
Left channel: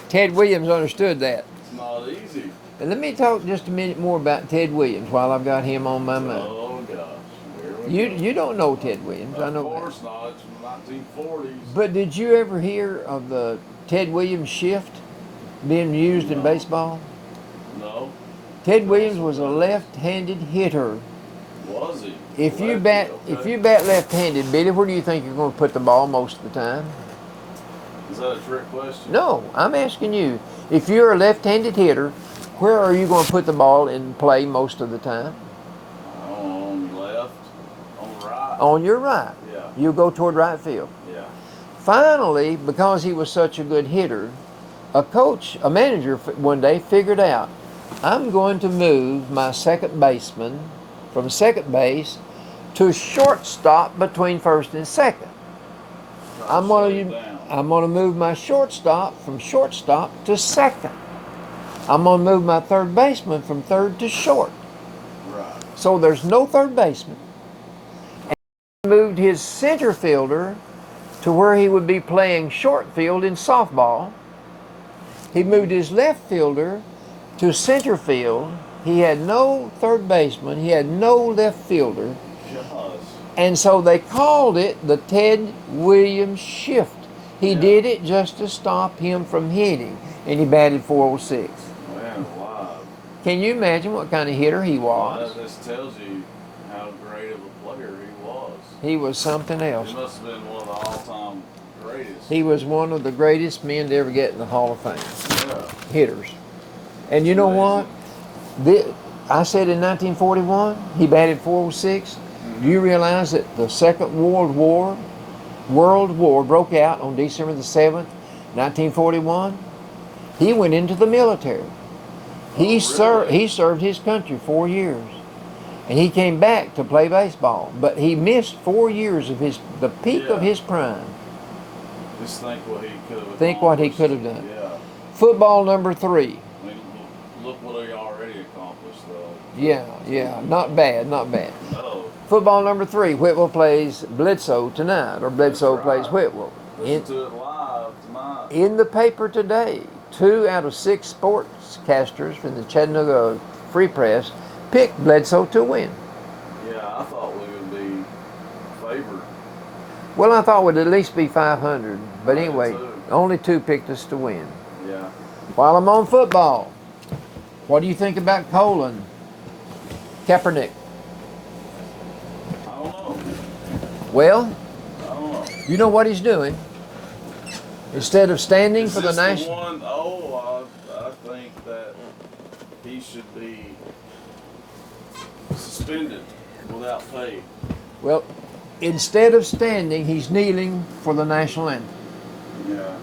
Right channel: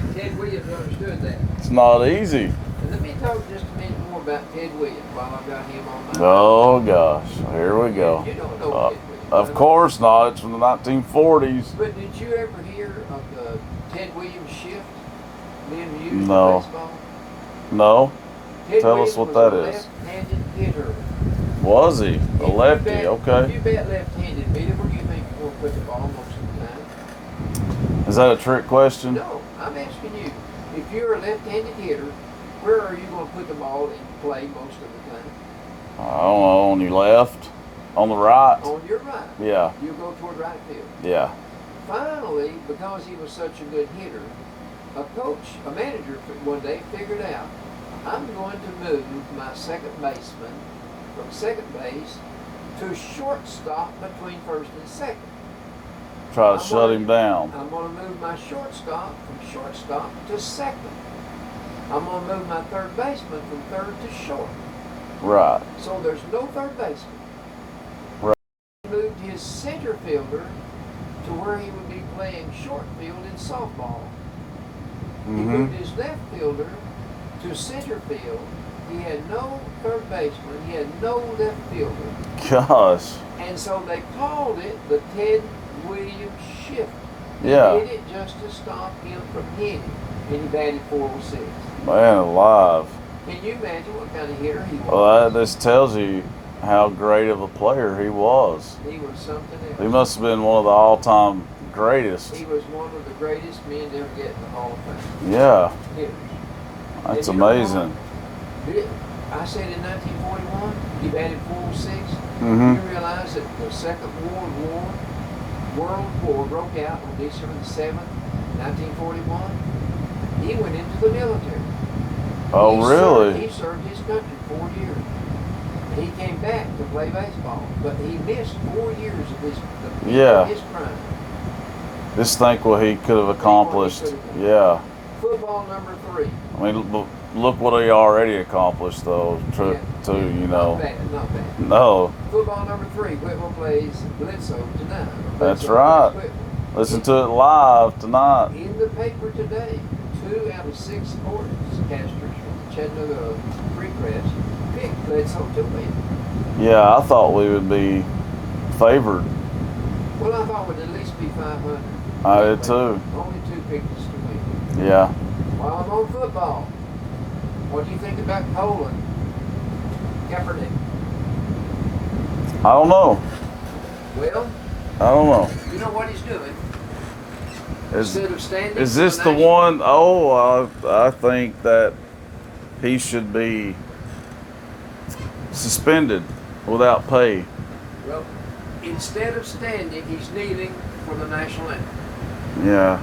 Ted Williams understood that. It's not easy. And let me talk just a minute more about Ted Williams while I've got him on my mind. Oh gosh, here we go. You don't know Ted Williams. I Of know. course not. It's from the 1940s. But did you ever hear of the Ted Williams shift being used No. in baseball? No, Ted Tell us Williams what was that a is. left-handed hitter. was he? A lefty? If Okay. you bat left-handed, Billy, where do you think you're going to put the ball most of the time? Is that a trick question? No, I'm asking you. If you're a left-handed hitter, where are you going to put the ball in play most of the time? I don't know. On your left? On the right? On your right. Yeah. You go toward right field. Yeah. Finally, because he was such a good hitter, a manager one day figured out, I'm going to move my second baseman from second base to shortstop between first and second. Try to shut him down. I'm going to move my shortstop from shortstop to second. I'm going to move my third baseman from third to short. Right. So there's no third baseman. Right. He moved his center fielder to where he would be playing short field in softball. He moved his left fielder to center field. He had no third baseman. He had no left fielder. Gosh. And so they called it the Ted Williams shift. He Yeah. did it just to stop him from hitting. And he batted 406. Man alive. Can you imagine what kind of hitter he Well, was? this tells you how great of a player he was. He was something He else. must have been one of the all-time greatest. He was one of the greatest men to ever get in the Hall of Fame. Yeah. Hitters. That's And you know amazing. what? I said in 1941, he batted 406. Mm-hmm. You realize that the Second World War broke out on December the 7th, 1941. He went into the military. Oh, really? He served his country 4 years. And he came back to play baseball. But he missed 4 years of the peak of his prime. Just think what he could have accomplished. Think what he could have done. Yeah. Football number 3. I mean, look what he already accomplished, though. Not bad. No. Football number 3. Whitwell plays Bledsoe tonight, or Bledsoe plays Whitwell. Listen to it live tonight. In the paper today, 2 out of 6 sportscasters for the Chattanooga Free Press picked Bledsoe to win. Yeah, I thought we would be favored. Well, I thought we'd at least be 500. But I anyway, did too. only 2 picked us to win. Yeah. While I'm on football, what do you think about Cole and Kaepernick? I don't know. Well, I don't know. you know what he's doing. Instead of standing Is for this the the national... one? Oh, I think that he should be suspended without pay. Well, instead of standing, he's kneeling for the national anthem. Yeah.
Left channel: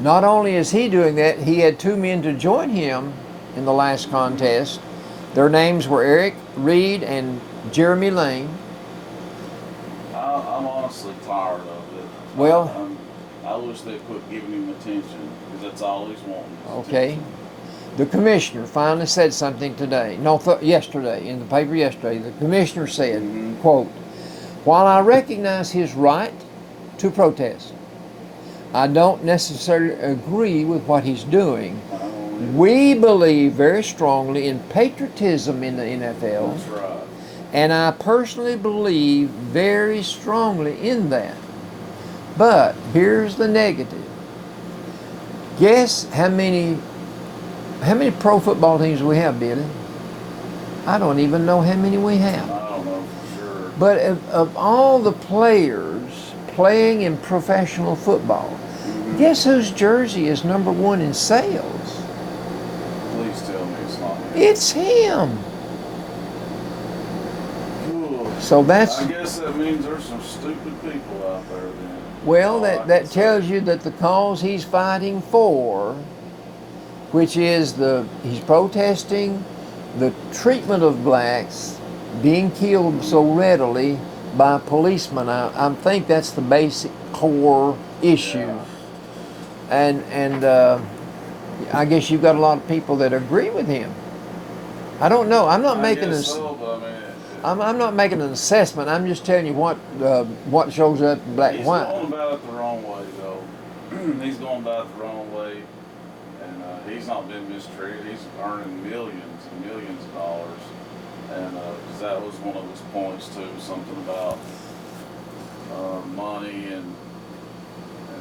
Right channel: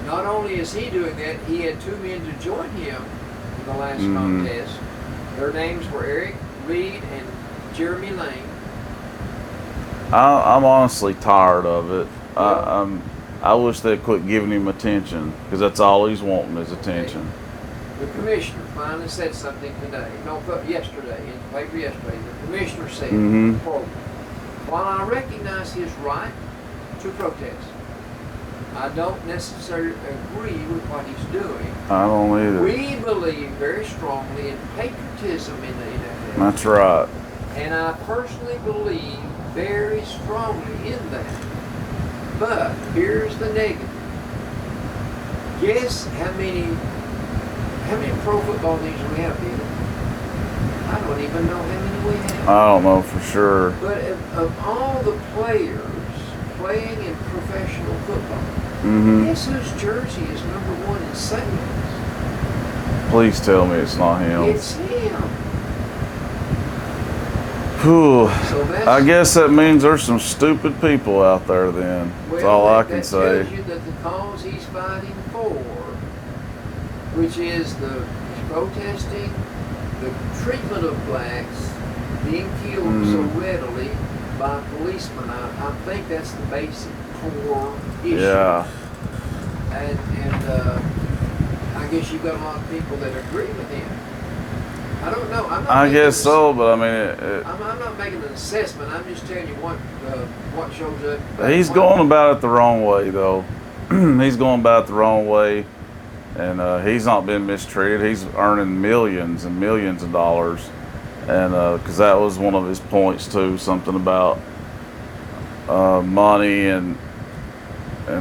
Not only is he doing that, he had 2 men to join him in the last contest. Their names were Eric Reed and Jeremy Lane. I'm honestly tired of it. Well, I wish they'd quit giving him attention, because that's all he's wanting is attention. The commissioner finally said something today. Yesterday, in the paper yesterday. The commissioner said, quote, "While I recognize his right to protest, I don't necessarily agree with what he's doing. I don't either. We believe very strongly in patriotism in the NFL. That's right. And I personally believe very strongly in that. But here's the negative. Guess how many pro football teams we have, Billy? I don't even know how many we have. I don't know for sure. But of all the players playing in professional football, guess whose jersey is number 1 in sales? Please tell me it's not him. It's him. Whew. So that's... I guess that means there's some stupid people out there then. Well, that tells you that the cause he's fighting for, which is he's protesting the treatment of blacks being killed so readily by policemen. I think that's the basic core issue. Yeah. And I guess you've got a lot of people that agree with him. I don't know. I'm not. I guess so, but I mean, I'm not making an assessment. I'm just telling you what shows up. He's going about it the wrong way, though. He's going about it the wrong way, and he's not been mistreated. He's earning millions and millions of dollars, and because that was one of his points too, something about money and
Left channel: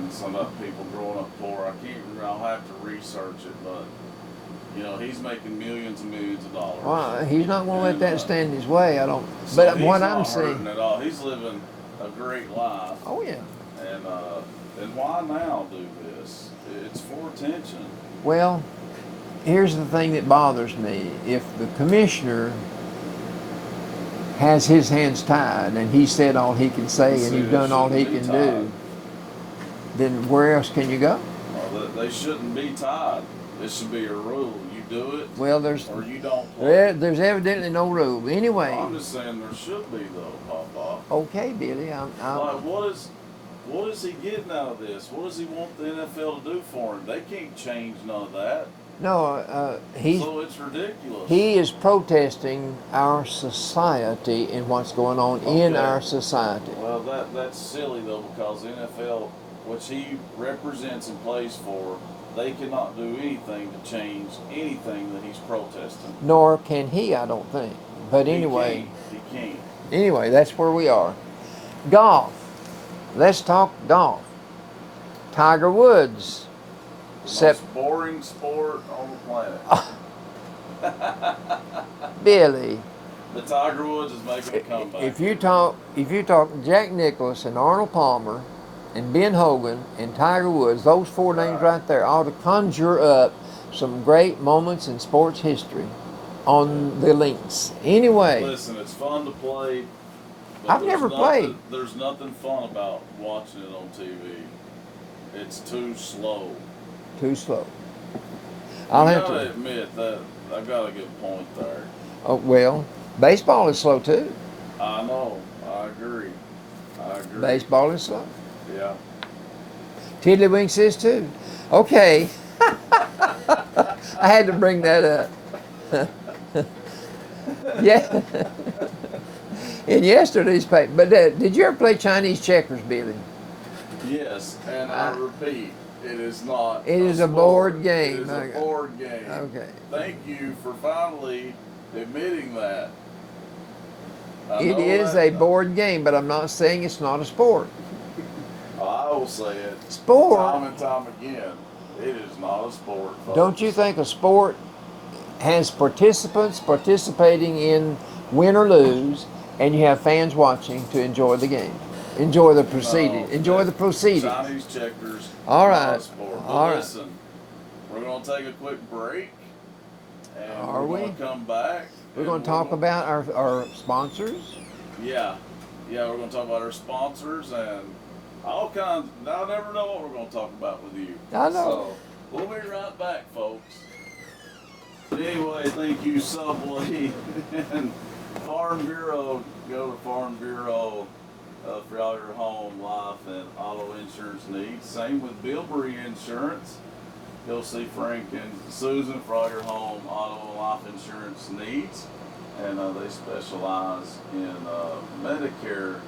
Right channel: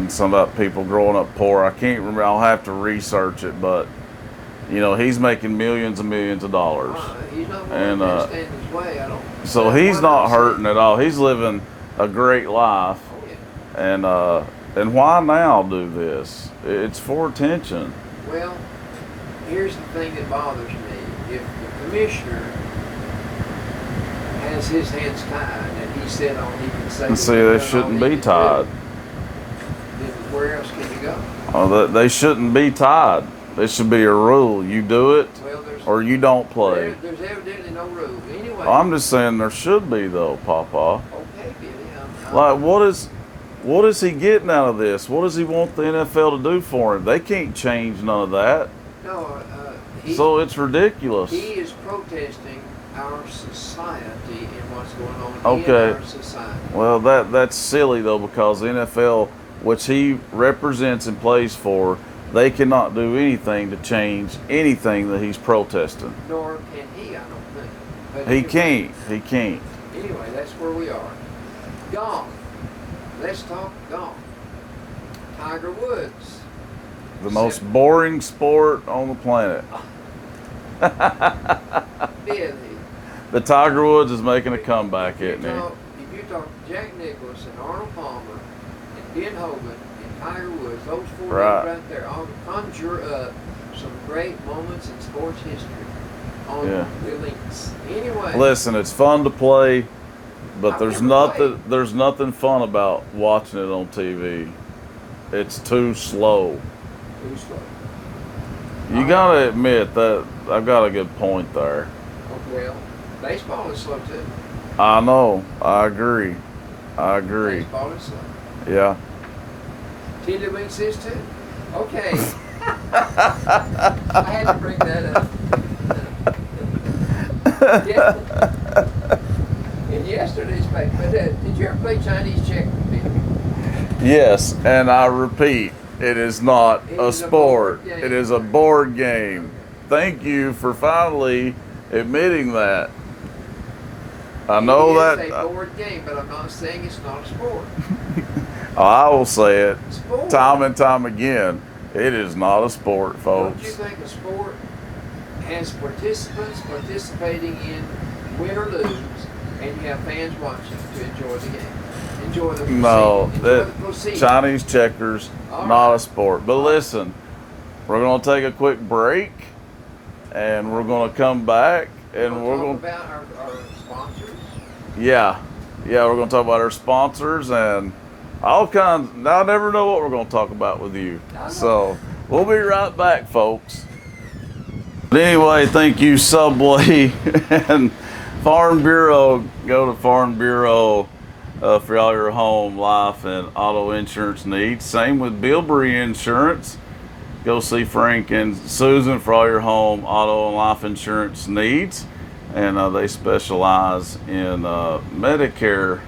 some about people growing up poor. I can't remember. I'll have to research it, but. You know, he's making millions and millions of dollars. He's not going to let that stand his way. I don't. So he's not hurting at all. He's living a great life. Oh yeah. And why now do this? It's for attention. Well, here's the thing that bothers me. If the commissioner has his hands tied and he said all he can say, see, they shouldn't be tied. Then where else can you go? Oh, they shouldn't be tied. There should be a rule. You do it, or you don't play. There's evidently no rule. Anyway. I'm just saying there should be, though, Papa. Okay, Billy. Like, what is he getting out of this? What does he want the NFL to do for him? They can't change none of that. No, so it's ridiculous. He is protesting our society and what's going on in our society. Well, that's silly, though, because the NFL, which he represents and plays for, they cannot do anything to change anything that he's protesting. Nor can he, I don't think. But anyway, He can't. Anyway, that's where we are. Golf. Let's talk golf. Tiger Woods. The most boring sport on the planet. Billy. The Tiger Woods is making a comeback. If you talk Jack Nicklaus and Arnold Palmer and Ben Hogan and Tiger Woods, those four names Right. right there, ought to conjure up some great moments in sports history on Yeah. the links. Anyway, Listen, it's fun to play, but I've there's never nothing played. there's nothing fun about watching it on TV. It's too slow. Too slow. You I'll have gotta to- admit that I've got a good point there. Oh, well, baseball is slow too. I know. I agree. Baseball is slow. Yeah. Tiddlywinks is too. Okay. I had to bring that up. Yeah. In yesterday's paper. But did you ever play Chinese checkers, Billy? Yes, and I repeat, it is not It a is a sport. board game. It is a Okay. board game. Okay. Thank you for finally admitting that. I know it is that. a board game, but I'm not saying it's not a sport. I will say it Sport. time and time again. It is not a sport, folks. Don't you think a sport has participants participating in win or lose, and you have fans watching to enjoy the game, enjoy the proceeding, No, enjoy the proceeding? Chinese checkers, All not right. a sport. But All right. listen, we're going to take a quick break, and Are we're going we? to come back. We're and going to talk about our sponsors. Yeah, we're going to talk about our sponsors and all kinds. I never know what we're going to talk about with you. I know. So we'll be right back, folks. But anyway, thank you, Subway and Farm Bureau. Go to Farm Bureau for all your home, life, and auto insurance needs. Same with Bilberry Insurance. Go see Frank and Susan for all your home, auto, and life insurance needs. And they specialize in Medicare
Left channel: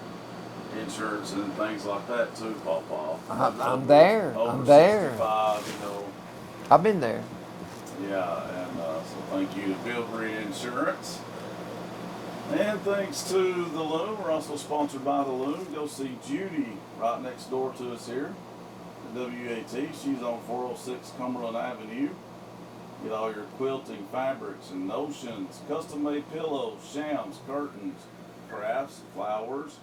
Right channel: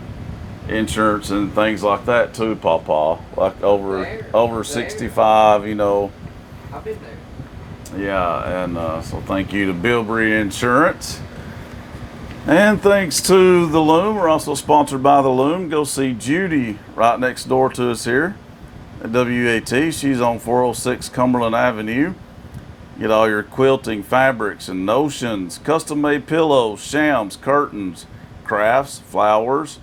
insurance and things like that too, Pawpaw. Like I'm there. over I'm there. 65, you know. I've been there. Yeah, and so thank you to Bilberry Insurance. And thanks to the Loom. We're also sponsored by the Loom. Go see Judy right next door to us here at WUAT. She's on 406 Cumberland Avenue. Get all your quilting fabrics and notions, custom-made pillows, shams, curtains, crafts, flowers,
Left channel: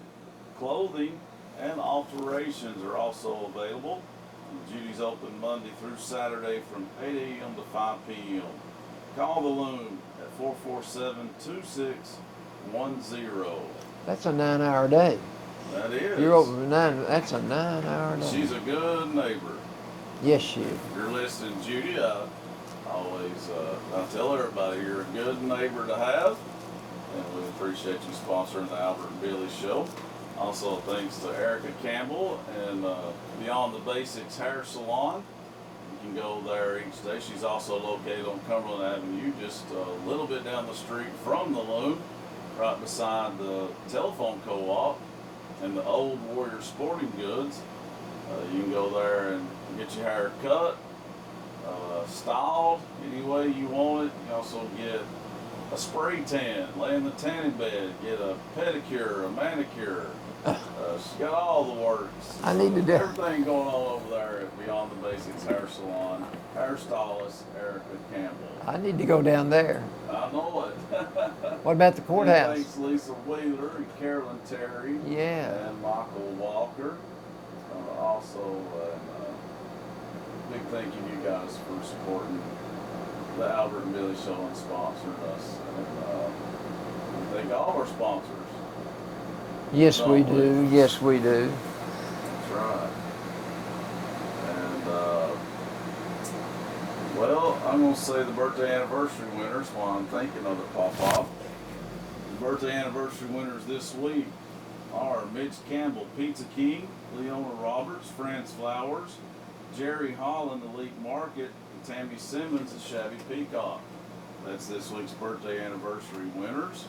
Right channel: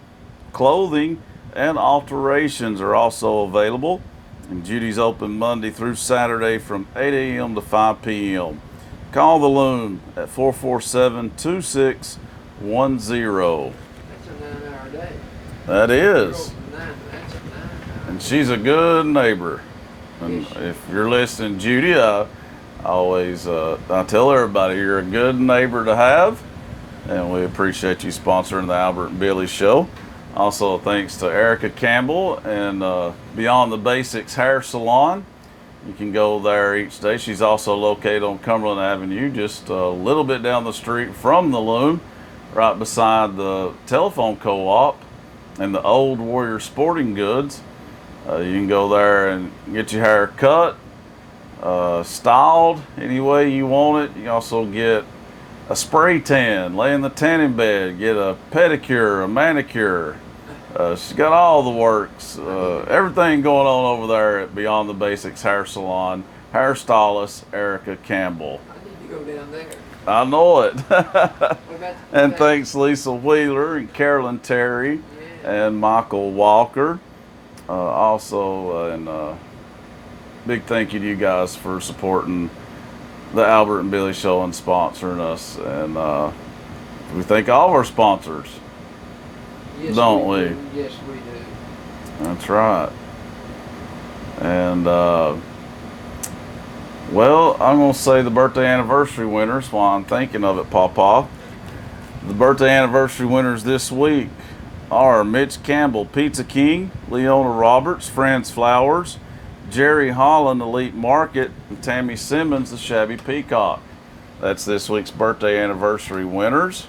clothing, and alterations are also available. And Judy's open Monday through Saturday from 8 a.m. to 5 p.m. Call the Loom at 447-2610. That's a 9-hour day. That You're is. over 9. That's a 9-hour And day. she's a good neighbor. Yes, she If you're listening, Judy, I always I tell everybody you're a good neighbor to have, and we appreciate you sponsoring the Albert and Billy Show. Also, thanks to Erica Campbell and Beyond the Basics Hair Salon. You can go there each day. She's also located on Cumberland Avenue, just a little bit down the street from the Loom, right beside the telephone co-op and the Old Warrior Sporting Goods. You can go there and get your hair cut, styled any way you want it. You can also get a spray tan, lay in the tanning bed, get a pedicure, a manicure. She's got all the works. I need to do- Everything going on over there at Beyond the Basics Hair Salon. Hairstylist Erica Campbell. I need to go down there. I know it. What about the courthouse? And thanks Lisa Wheeler and Carolyn Terry Yeah. and Michael Walker. And big thank you to you guys for supporting the Albert and Billy Show and sponsoring us. And we thank all of our sponsors. Yes, Don't we we? do. Yes, we do. That's right. And well, I'm going to say the birthday anniversary winners while I'm thinking of it, Pawpaw. The birthday anniversary winners this week are Mitch Campbell, Pizza King, Leona Roberts, Franz Flowers, Jerry Holland, Elite Market, and Tammy Simmons, the Shabby Peacock. That's this week's birthday anniversary winners.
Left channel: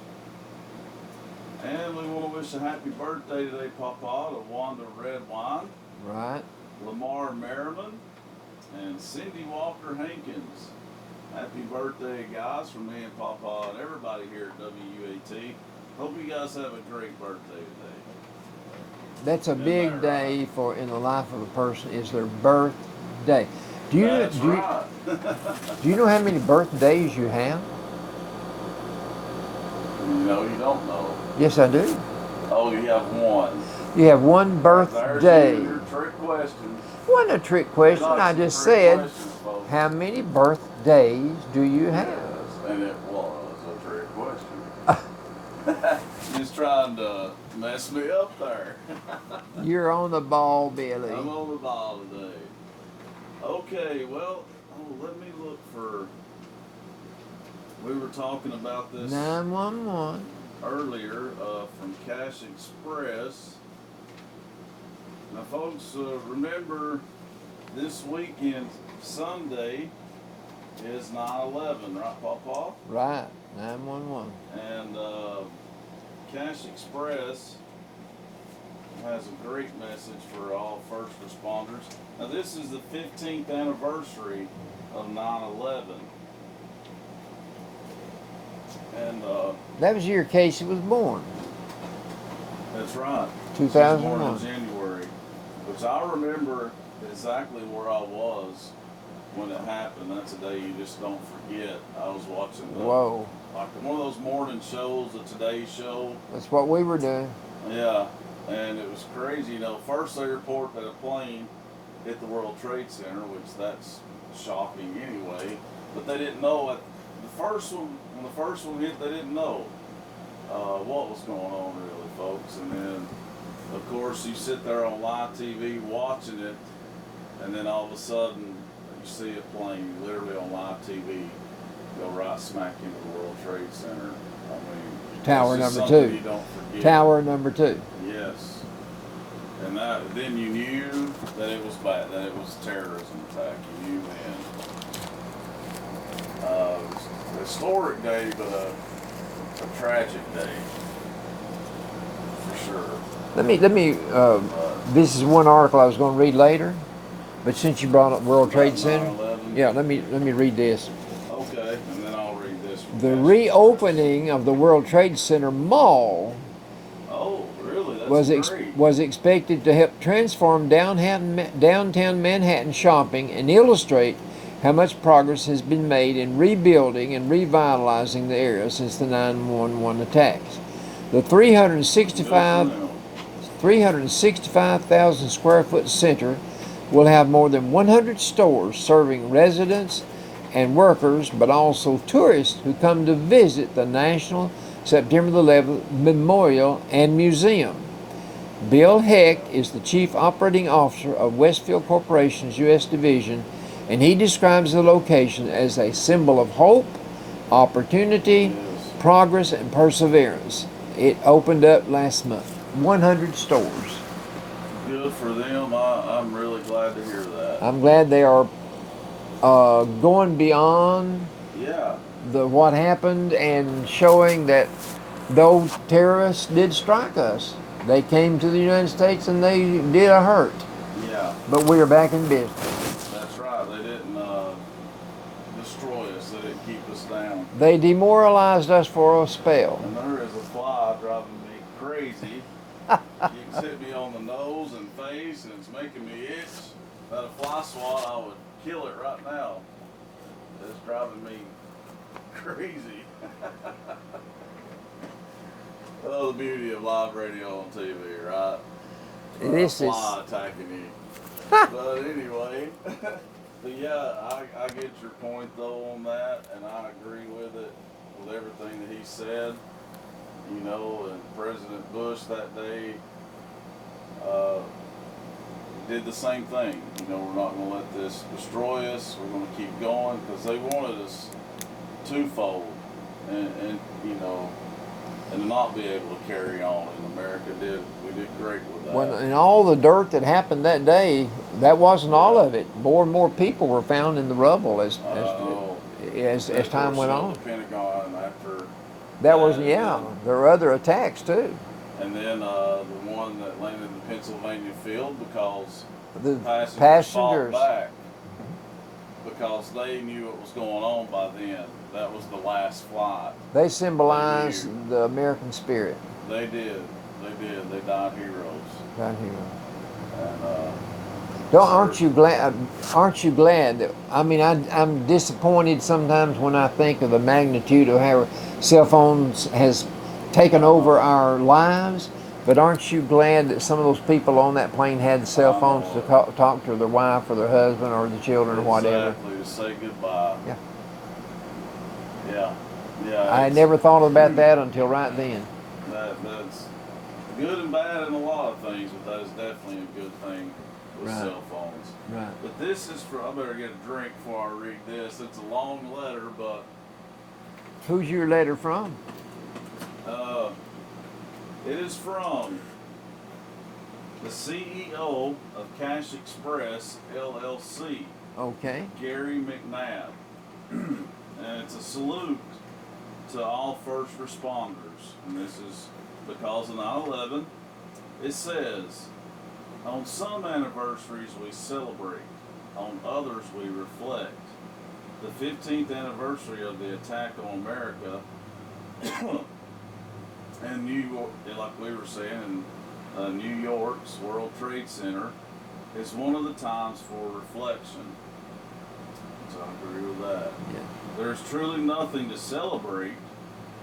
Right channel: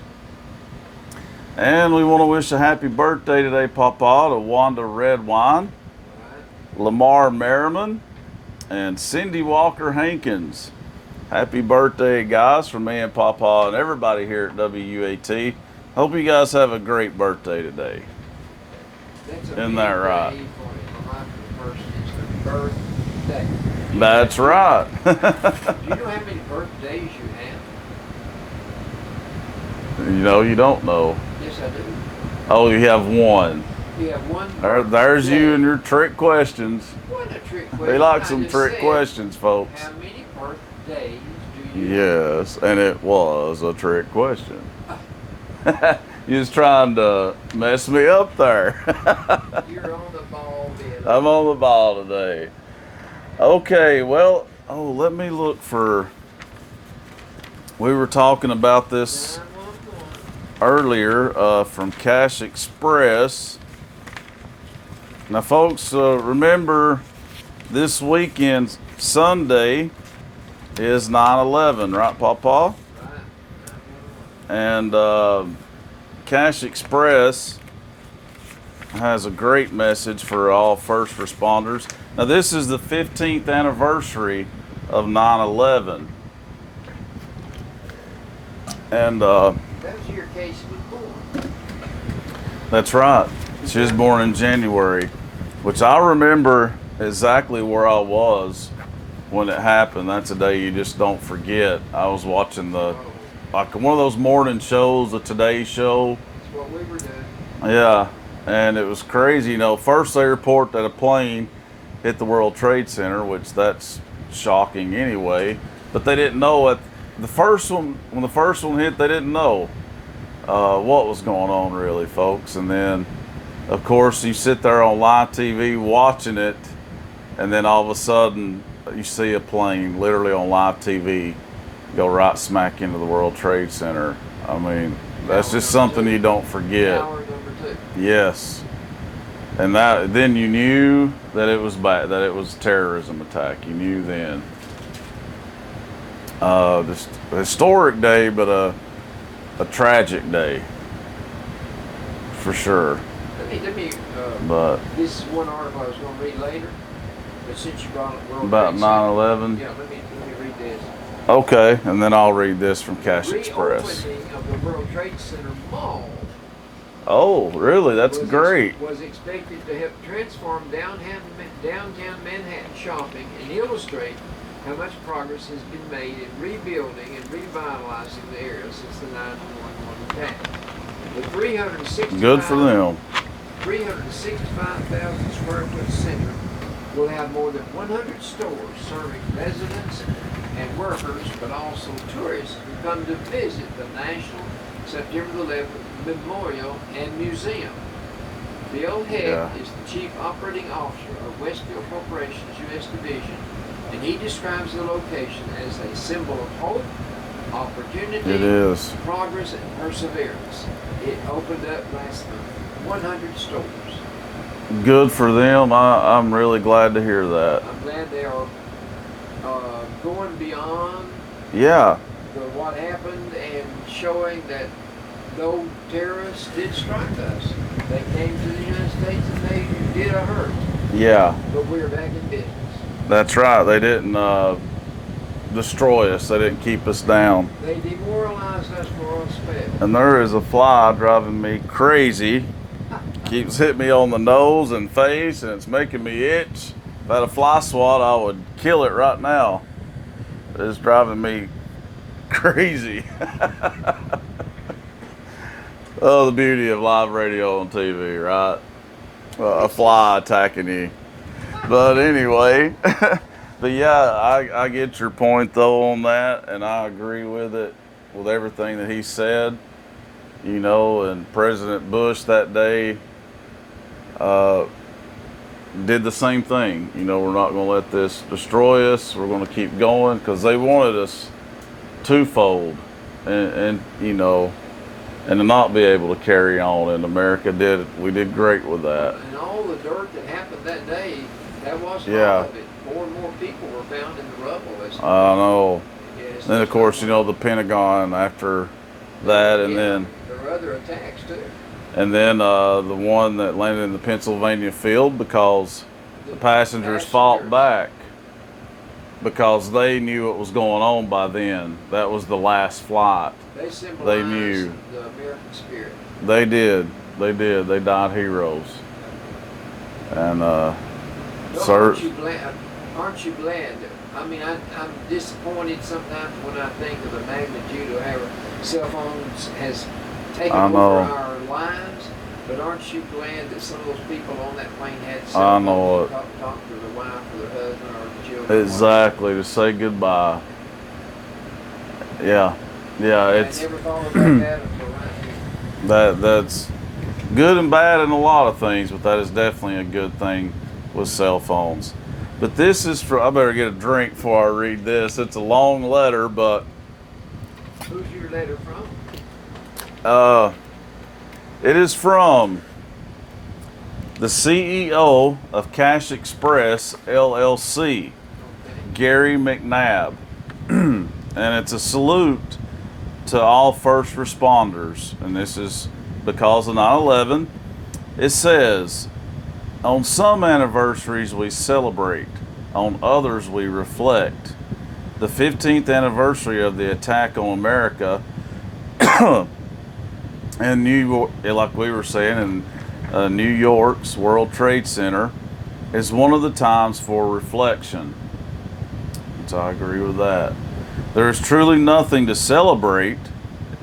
And we want to wish a happy birthday today, Pawpaw, to Wanda Redwine, Right. Lamar Merriman, and Cindy Walker Hankins. Happy birthday, guys, from me and Pawpaw and everybody here at WUAT. Hope you guys have a great birthday today. That's a Isn't big that right? day in the life of a person. It's a birthday. Do you That's know, right. Do you know how many birthdays you have? You know, you don't know. Yes, I do. Oh, you have one. You have one birthday. There's you and your trick questions. Wasn't a trick question. They like I some just trick said, questions, folks. how many birthdays do you have? Yes, and it was a trick question. You was trying to mess me up there. You're on the ball, Billy. I'm on the ball today. Okay, well, let me look for. We were talking about this 911. earlier from Cash Express. Now, folks, remember this weekend, Sunday, is 9/11, right, Pawpaw? Right, 911. And Cash Express has a great message for all first responders. Now, this is the 15th anniversary of 9/11. And That was the year Casey was born. that's right. She was born in January, which I remember exactly where I was when it happened. That's a day you just don't forget. I was watching like one of those morning shows, the Today Show. That's what we were doing. Yeah, and it was crazy. You know, first they report that a plane hit the World Trade Center, which that's shocking anyway. But they didn't know when the first one hit, they didn't know what was going on really, folks. And then, of course, you sit there on live TV watching it, and then all of a sudden you see a plane literally on live TV go right smack into the World Trade Center. I mean, that's just something you don't forget. Tower number 2. Yes. And then you knew that it was bad, that it was a terrorism attack. You knew then. Just a historic day, but a tragic day, for sure. Let me. This is one article I was going to read later, but since you brought up World Trade Center, 9/11. Yeah, let me read this. Okay, and then I'll read this from Cash Express. The reopening of the World Trade Center Mall. Oh, really? That's great. Was expected to help transform downtown Manhattan shopping and illustrate how much progress has been made in rebuilding and revitalizing the area since the 9/11 attacks. The 365,000 square foot center will have more than 100 stores serving residents and workers, but also tourists who come to visit the National September 11th Memorial and Museum. Bill Heck is the Chief Operating Officer of Westfield Corporation's U.S. Division, and he describes the location as a symbol of hope, opportunity, progress, and perseverance. It opened up last month. 100 stores. Good for them. I'm really glad to hear that. I'm glad they are going beyond what happened and showing that though terrorists did strike us, they came to the United States and they did a hurt. Yeah. But we are back in business. That's right. They didn't destroy us. They didn't keep us down. They demoralized us for a spell. And there is a fly driving me crazy. Keeps hitting me on the nose and face, and it's making me itch. If I had a fly swat, I would kill it right now. It's driving me crazy. Oh, the beauty of live radio and TV, right? A fly attacking you. But anyway, but yeah, I get your point though on that, and I agree with it, with everything that he said. You know, and President Bush that day did the same thing. You know, we're not going to let this destroy us. We're going to keep going, because they wanted us twofold, and you know, and to not be able to carry on. And America we did great with that. Well, and all the dirt that happened that day, that wasn't all of it. More and more people were found in the rubble. I know. Then of course, you know, the Pentagon after that, and then there were other attacks too. And then the one that landed in the Pennsylvania field, because the passengers fought back, because they knew what was going on by then. That was the last flight. They symbolized the American spirit. They did. They did. They died heroes. And aren't you glad? Aren't you glad that? I mean, I'm disappointed sometimes when I think of the magnitude of how cell phones has taken over our lives. But aren't you glad that some of those people on that plane had cell phones to talk to their wife or their husband or the children or whatever? Exactly, to say goodbye. Yeah. I never thought about that until right then. That's good and bad in a lot of things, but that is definitely a good thing with cell phones. Right. But this is for, I better get a drink before I read this. It's a long letter, but Who's your letter from? it is from the CEO of Cash Express LLC, Okay. Gary McNabb. And it's a salute to all first responders. And this is because of 9/11. It says, on some anniversaries we celebrate, on others we reflect. The 15th anniversary of the attack on America and New York, like we were saying, in New York's World Trade Center is one of the times for reflection. So I agree with that. There is truly nothing to celebrate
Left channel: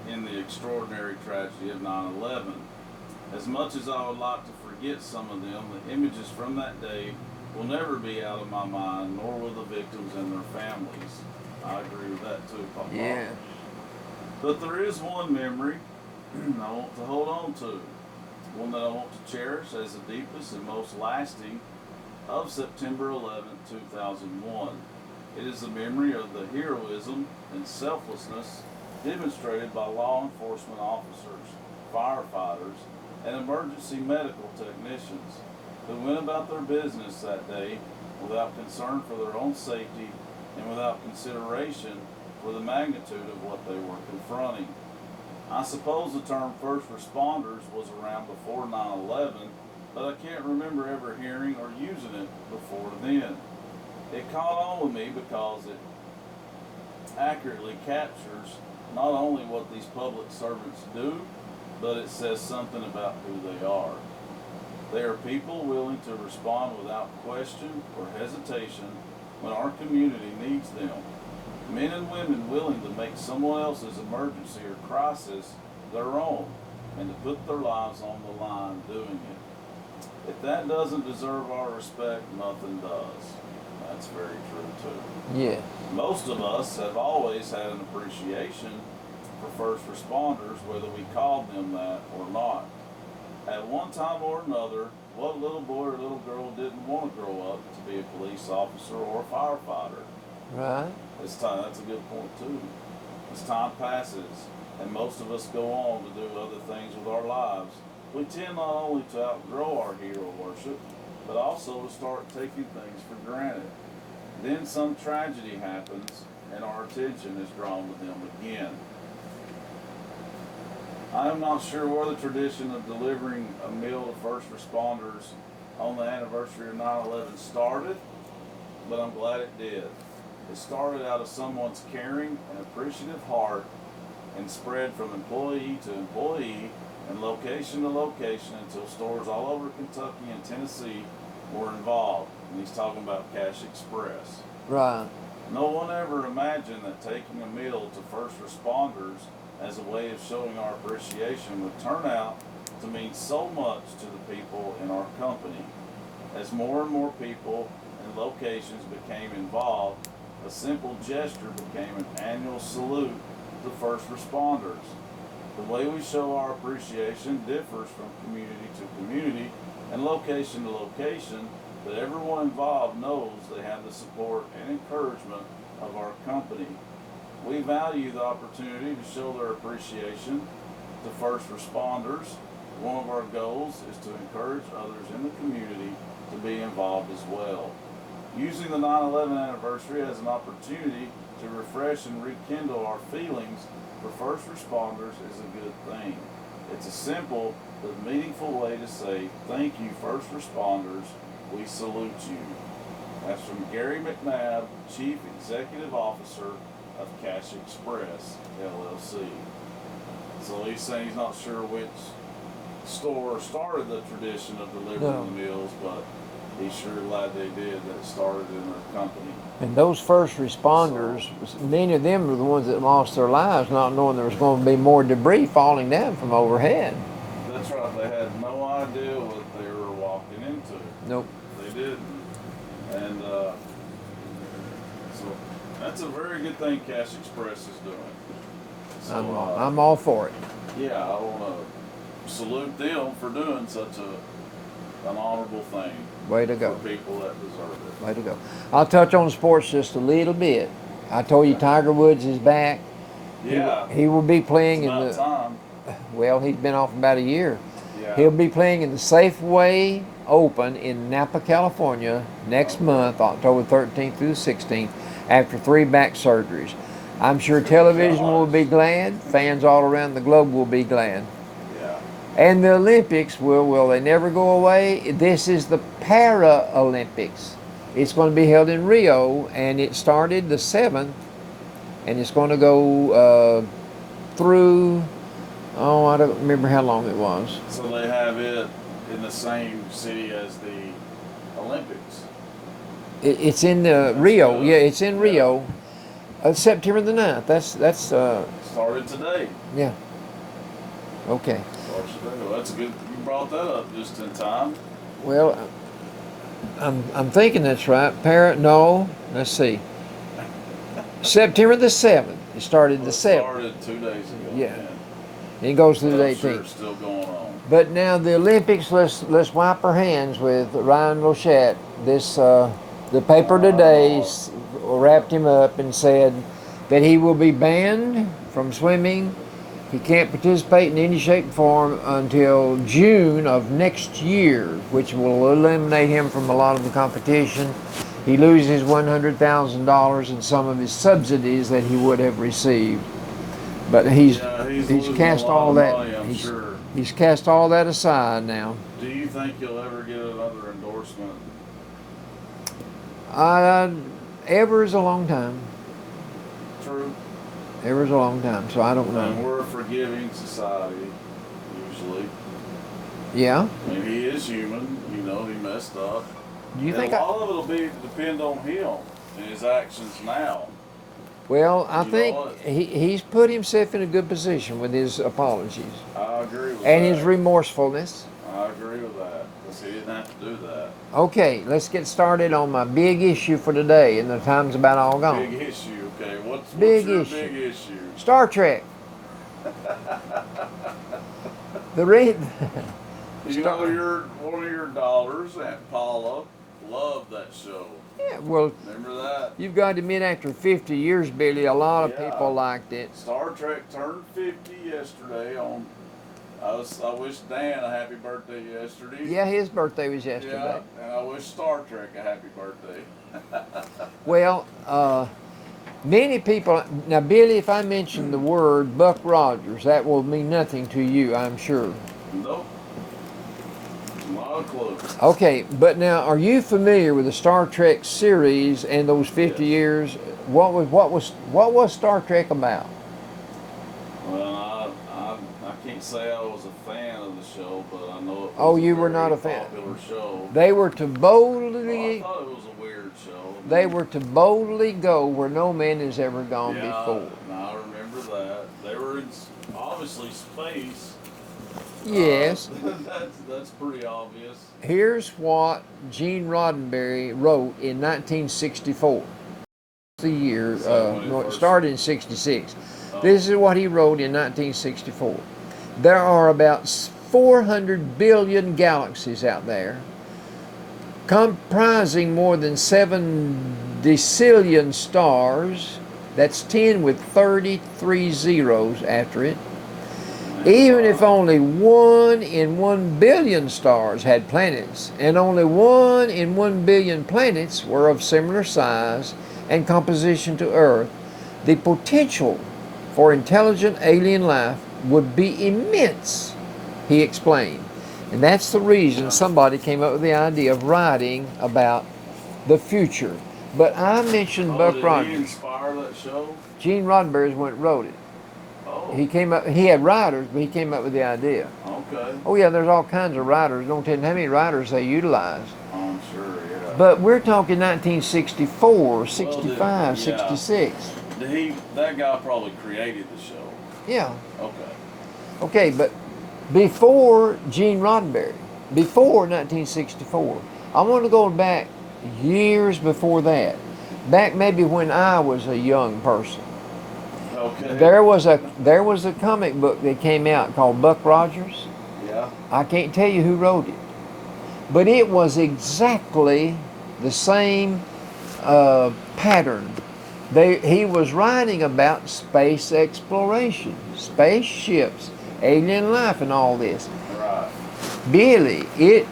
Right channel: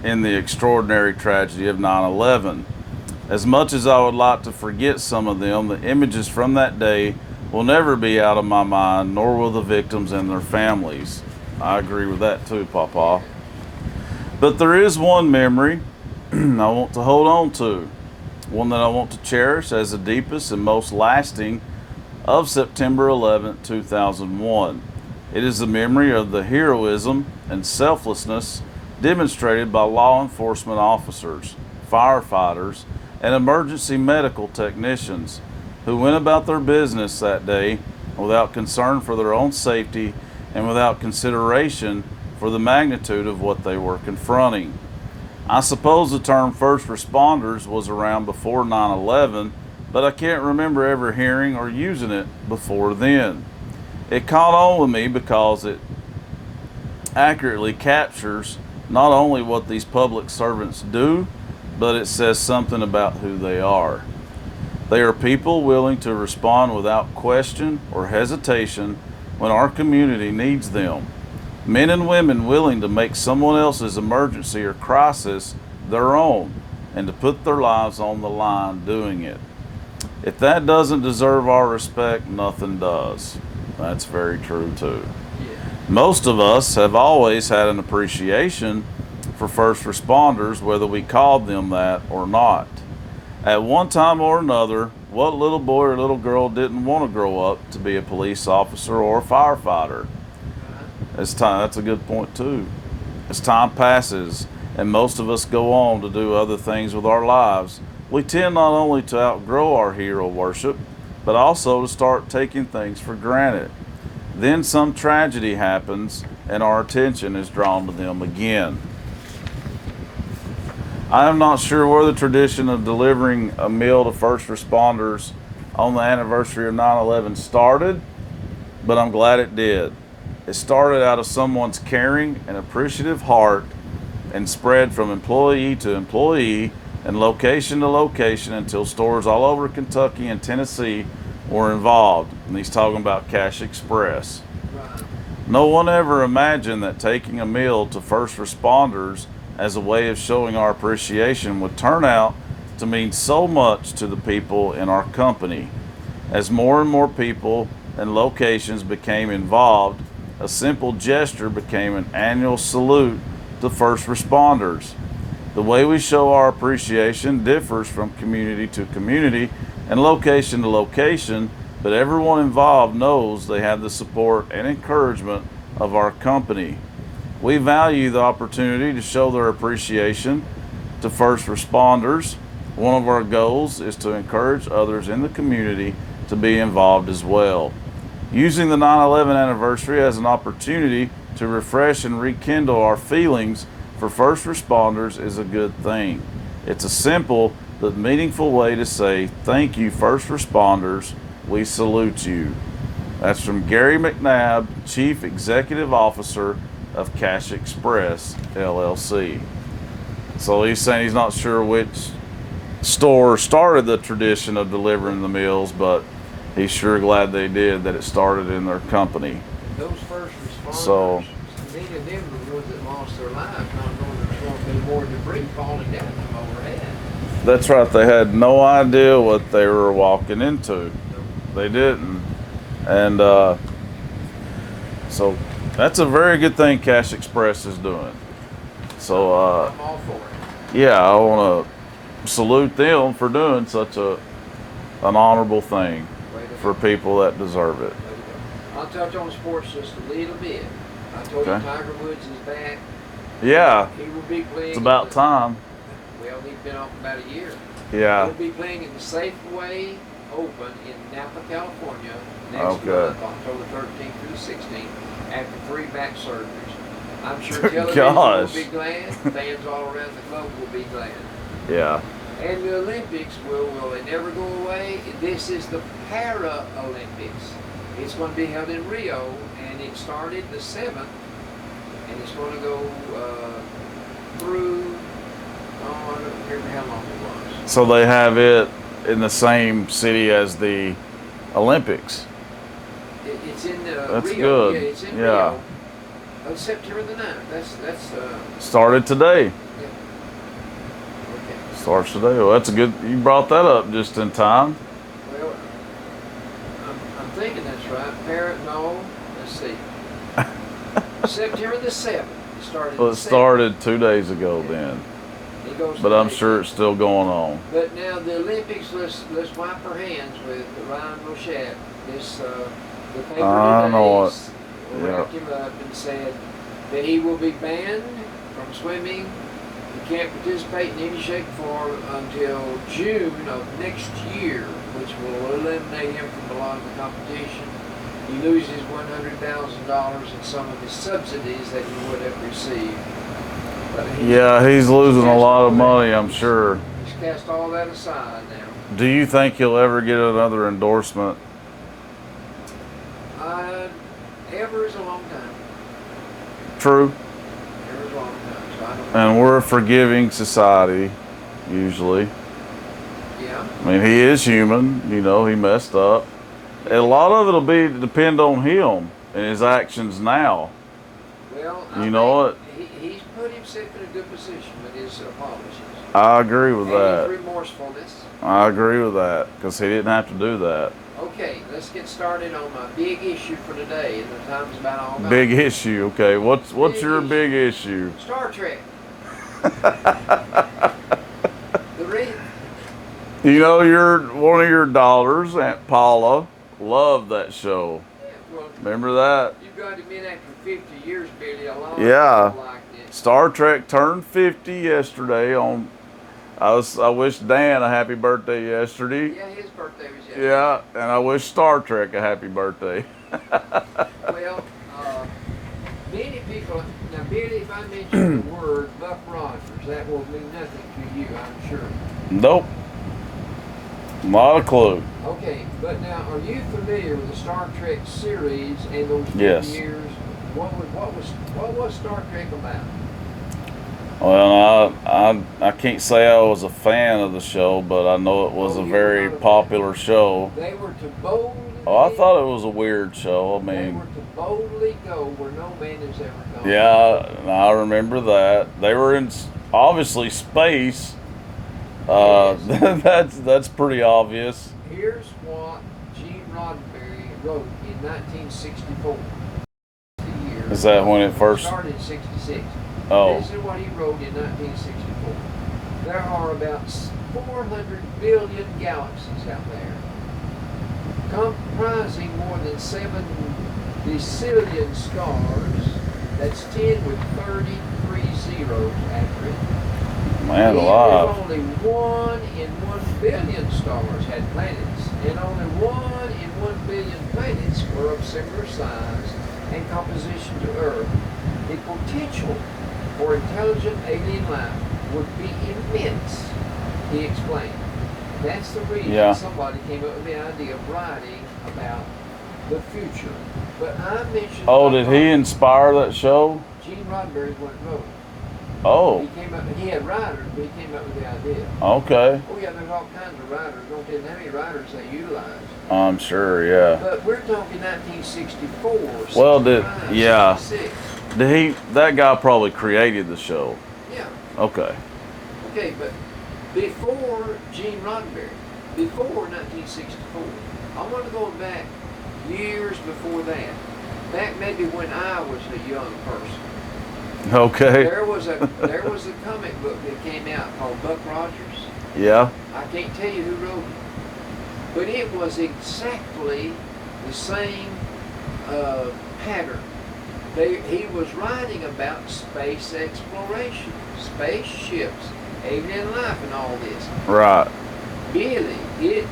in the extraordinary tragedy of 9/11. As much as I would like to forget some of them, the images from that day will never be out of my mind, nor will the victims and their families. I agree with that too, Papa. Yeah. But there is one memory I want to hold on to, one that I want to cherish as the deepest and most lasting of September 11th, 2001. It is the memory of the heroism and selflessness demonstrated by law enforcement officers, firefighters, and emergency medical technicians who went about their business that day without concern for their own safety and without consideration for the magnitude of what they were confronting. I suppose the term first responders was around before 9/11, but I can't remember ever hearing or using it before then. It caught on with me because it accurately captures not only what these public servants do, but it says something about who they are. They are people willing to respond without question or hesitation when our community needs them. Men and women willing to make someone else's emergency or crisis their own and to put their lives on the line doing it. If that doesn't deserve our respect, nothing does. That's very true too. Yeah. Most of us have always had an appreciation for first responders, whether we called them that or not. At one time or another, what little boy or little girl didn't want to grow up to be a police officer or a firefighter? Right. That's a good point too. As time passes and most of us go on to do other things with our lives, we tend not only to outgrow our hero worship, but also to start taking things for granted. Then some tragedy happens and our attention is drawn to them again. I am not sure where the tradition of delivering a meal to first responders on the anniversary of 9/11 started, but I'm glad it did. It started out of someone's caring and appreciative heart and spread from employee to employee and location to location until stores all over Kentucky and Tennessee were involved. And he's talking about Cash Express. Right. No one ever imagined that taking a meal to first responders as a way of showing our appreciation would turn out to mean so much to the people in our company. As more and more people and locations became involved, a simple gesture became an annual salute to first responders. The way we show our appreciation differs from community to community and location to location, but everyone involved knows they have the support and encouragement of our company. We value the opportunity to show their appreciation to first responders. One of our goals is to encourage others in the community to be involved as well. Using the 9/11 anniversary as an opportunity to refresh and rekindle our feelings for first responders is a good thing. It's a simple but meaningful way to say, thank you, first responders. We salute you. That's from Gary McNabb, Chief Executive Officer of Cash Express, LLC. So he's saying he's not sure which store started the tradition of delivering the meals, but he's sure glad they did, that it started in their company. And those first responders, many of them were the ones that lost their lives not knowing there was going to be more debris falling down from overhead. That's right. They had no idea what they were walking into. Nope. They didn't. And so that's a very good thing Cash Express is doing. So I'm all for it. yeah, I want to salute them for doing such an honorable thing Way to go. for people that deserve it. Way to go. I'll touch on sports just a little bit. I told you Okay. Tiger Woods is back. Yeah, He will be playing. it's about time. Well, he's been off about a year. Yeah. He'll be playing in the Safeway Open in Napa, California next Okay. month, October 13th through the 16th, after 3 back surgeries. I'm sure television will Gosh. be glad. Fans all around the globe will be glad. Yeah. And the Olympics will they never go away? This is the Paralympics. It's going to be held in Rio, and it started the 7th, and it's going to go through, I don't remember how long it was. So they have it in the same city as the Olympics. It's in the That's Rio. good. Yeah, it's in Yeah. Rio. September the 9th. That's Started today. yeah. Okay. Starts today. Well, that's a good. You brought that up just in time. Well, I'm thinking that's right. No, let's see. September the 7th. It started Well, the it 7th. started 2 days ago Yeah. then. It goes to But the I'm 18th. sure it's still going on. But now the Olympics, let's wipe our hands with Ryan Rochette. This the paper I know today it. wrapped him up and said that he will be banned from swimming. He can't participate in any shape or form until June of next year, which will eliminate him from a lot of the competition. He loses $100,000 in some of his subsidies that he would have received. But he's losing a cast lot all of that- money, I'm he's- sure. He's cast all that aside now. Do you think he'll ever get another endorsement? Ever is a long time. True. Ever is a long time. So I don't know. And we're a forgiving society, usually. Yeah. I mean, he is human. You know, he messed up. You And a think lot of it'll depend on him and his actions now. Well, I You know think he's put himself in a good position with his apologies I agree with and his that. remorsefulness. I agree with that because he didn't have to do that. Okay, let's get started on my big issue for today, and the time's about all gone. Big issue. Okay, what's Big your issue. big issue? Star Trek. the re- You know, one of your daughters, Aunt Paula, loved that show. yeah, well, Remember that? you've got to admit, after 50 years, Billy, a lot of Yeah. people liked it. Star Trek turned 50 yesterday. I wished Dan a happy birthday yesterday. Yeah, his birthday was yesterday. Yeah, and I wish Star Trek a happy birthday. Well, many people. Now, Billy, if I mention the word Buck Rogers, that will mean nothing to you, I'm sure. Nope. Not a clue. Okay, but now, are you familiar with the Star Trek series and those 50 Yes. years? What was Star Trek about? Well, I can't say I was a fan of the show, but I know it was Oh, a you were very not a fan. popular show. They were to boldly. Oh, I thought it was a weird show. I mean, They were to boldly go where no man has ever gone. yeah, I remember that. They were in obviously space. Yes. That's pretty obvious. Here's what Gene Roddenberry wrote in 1964. The year. Is that when it first started in '66? Oh. This is what he wrote in 1964. There are about 400 billion galaxies out there, comprising more than 7 decillion stars. That's 10 with 33 zeros after it. Man, Even if alive. only 1 in 1 billion stars had planets, and only 1 in 1 billion planets were of similar size and composition to Earth, the potential for intelligent alien life would be immense, he explained. And that's the reason Yeah. somebody came up with the idea of writing about the future. But I mentioned Oh, Buck did Rogers. he inspire that show? Gene Roddenberry is the one that wrote it. Oh, He had writers, but he came up with the idea. okay. Oh yeah, there's all kinds of writers. Don't tell you how many writers they utilize. I'm sure, yeah. But we're talking 1964, 65, Well, yeah. 66. That guy probably created the show. Yeah. Okay. Okay, but before Gene Roddenberry, before 1964. I want to go back years before that. Back maybe when I was a young person. Okay. There was a comic book that came out called Buck Rogers. Yeah. I can't tell you who wrote it, but it was exactly the same pattern. He was writing about space exploration, spaceships, alien life, and all this. Right. Billy, it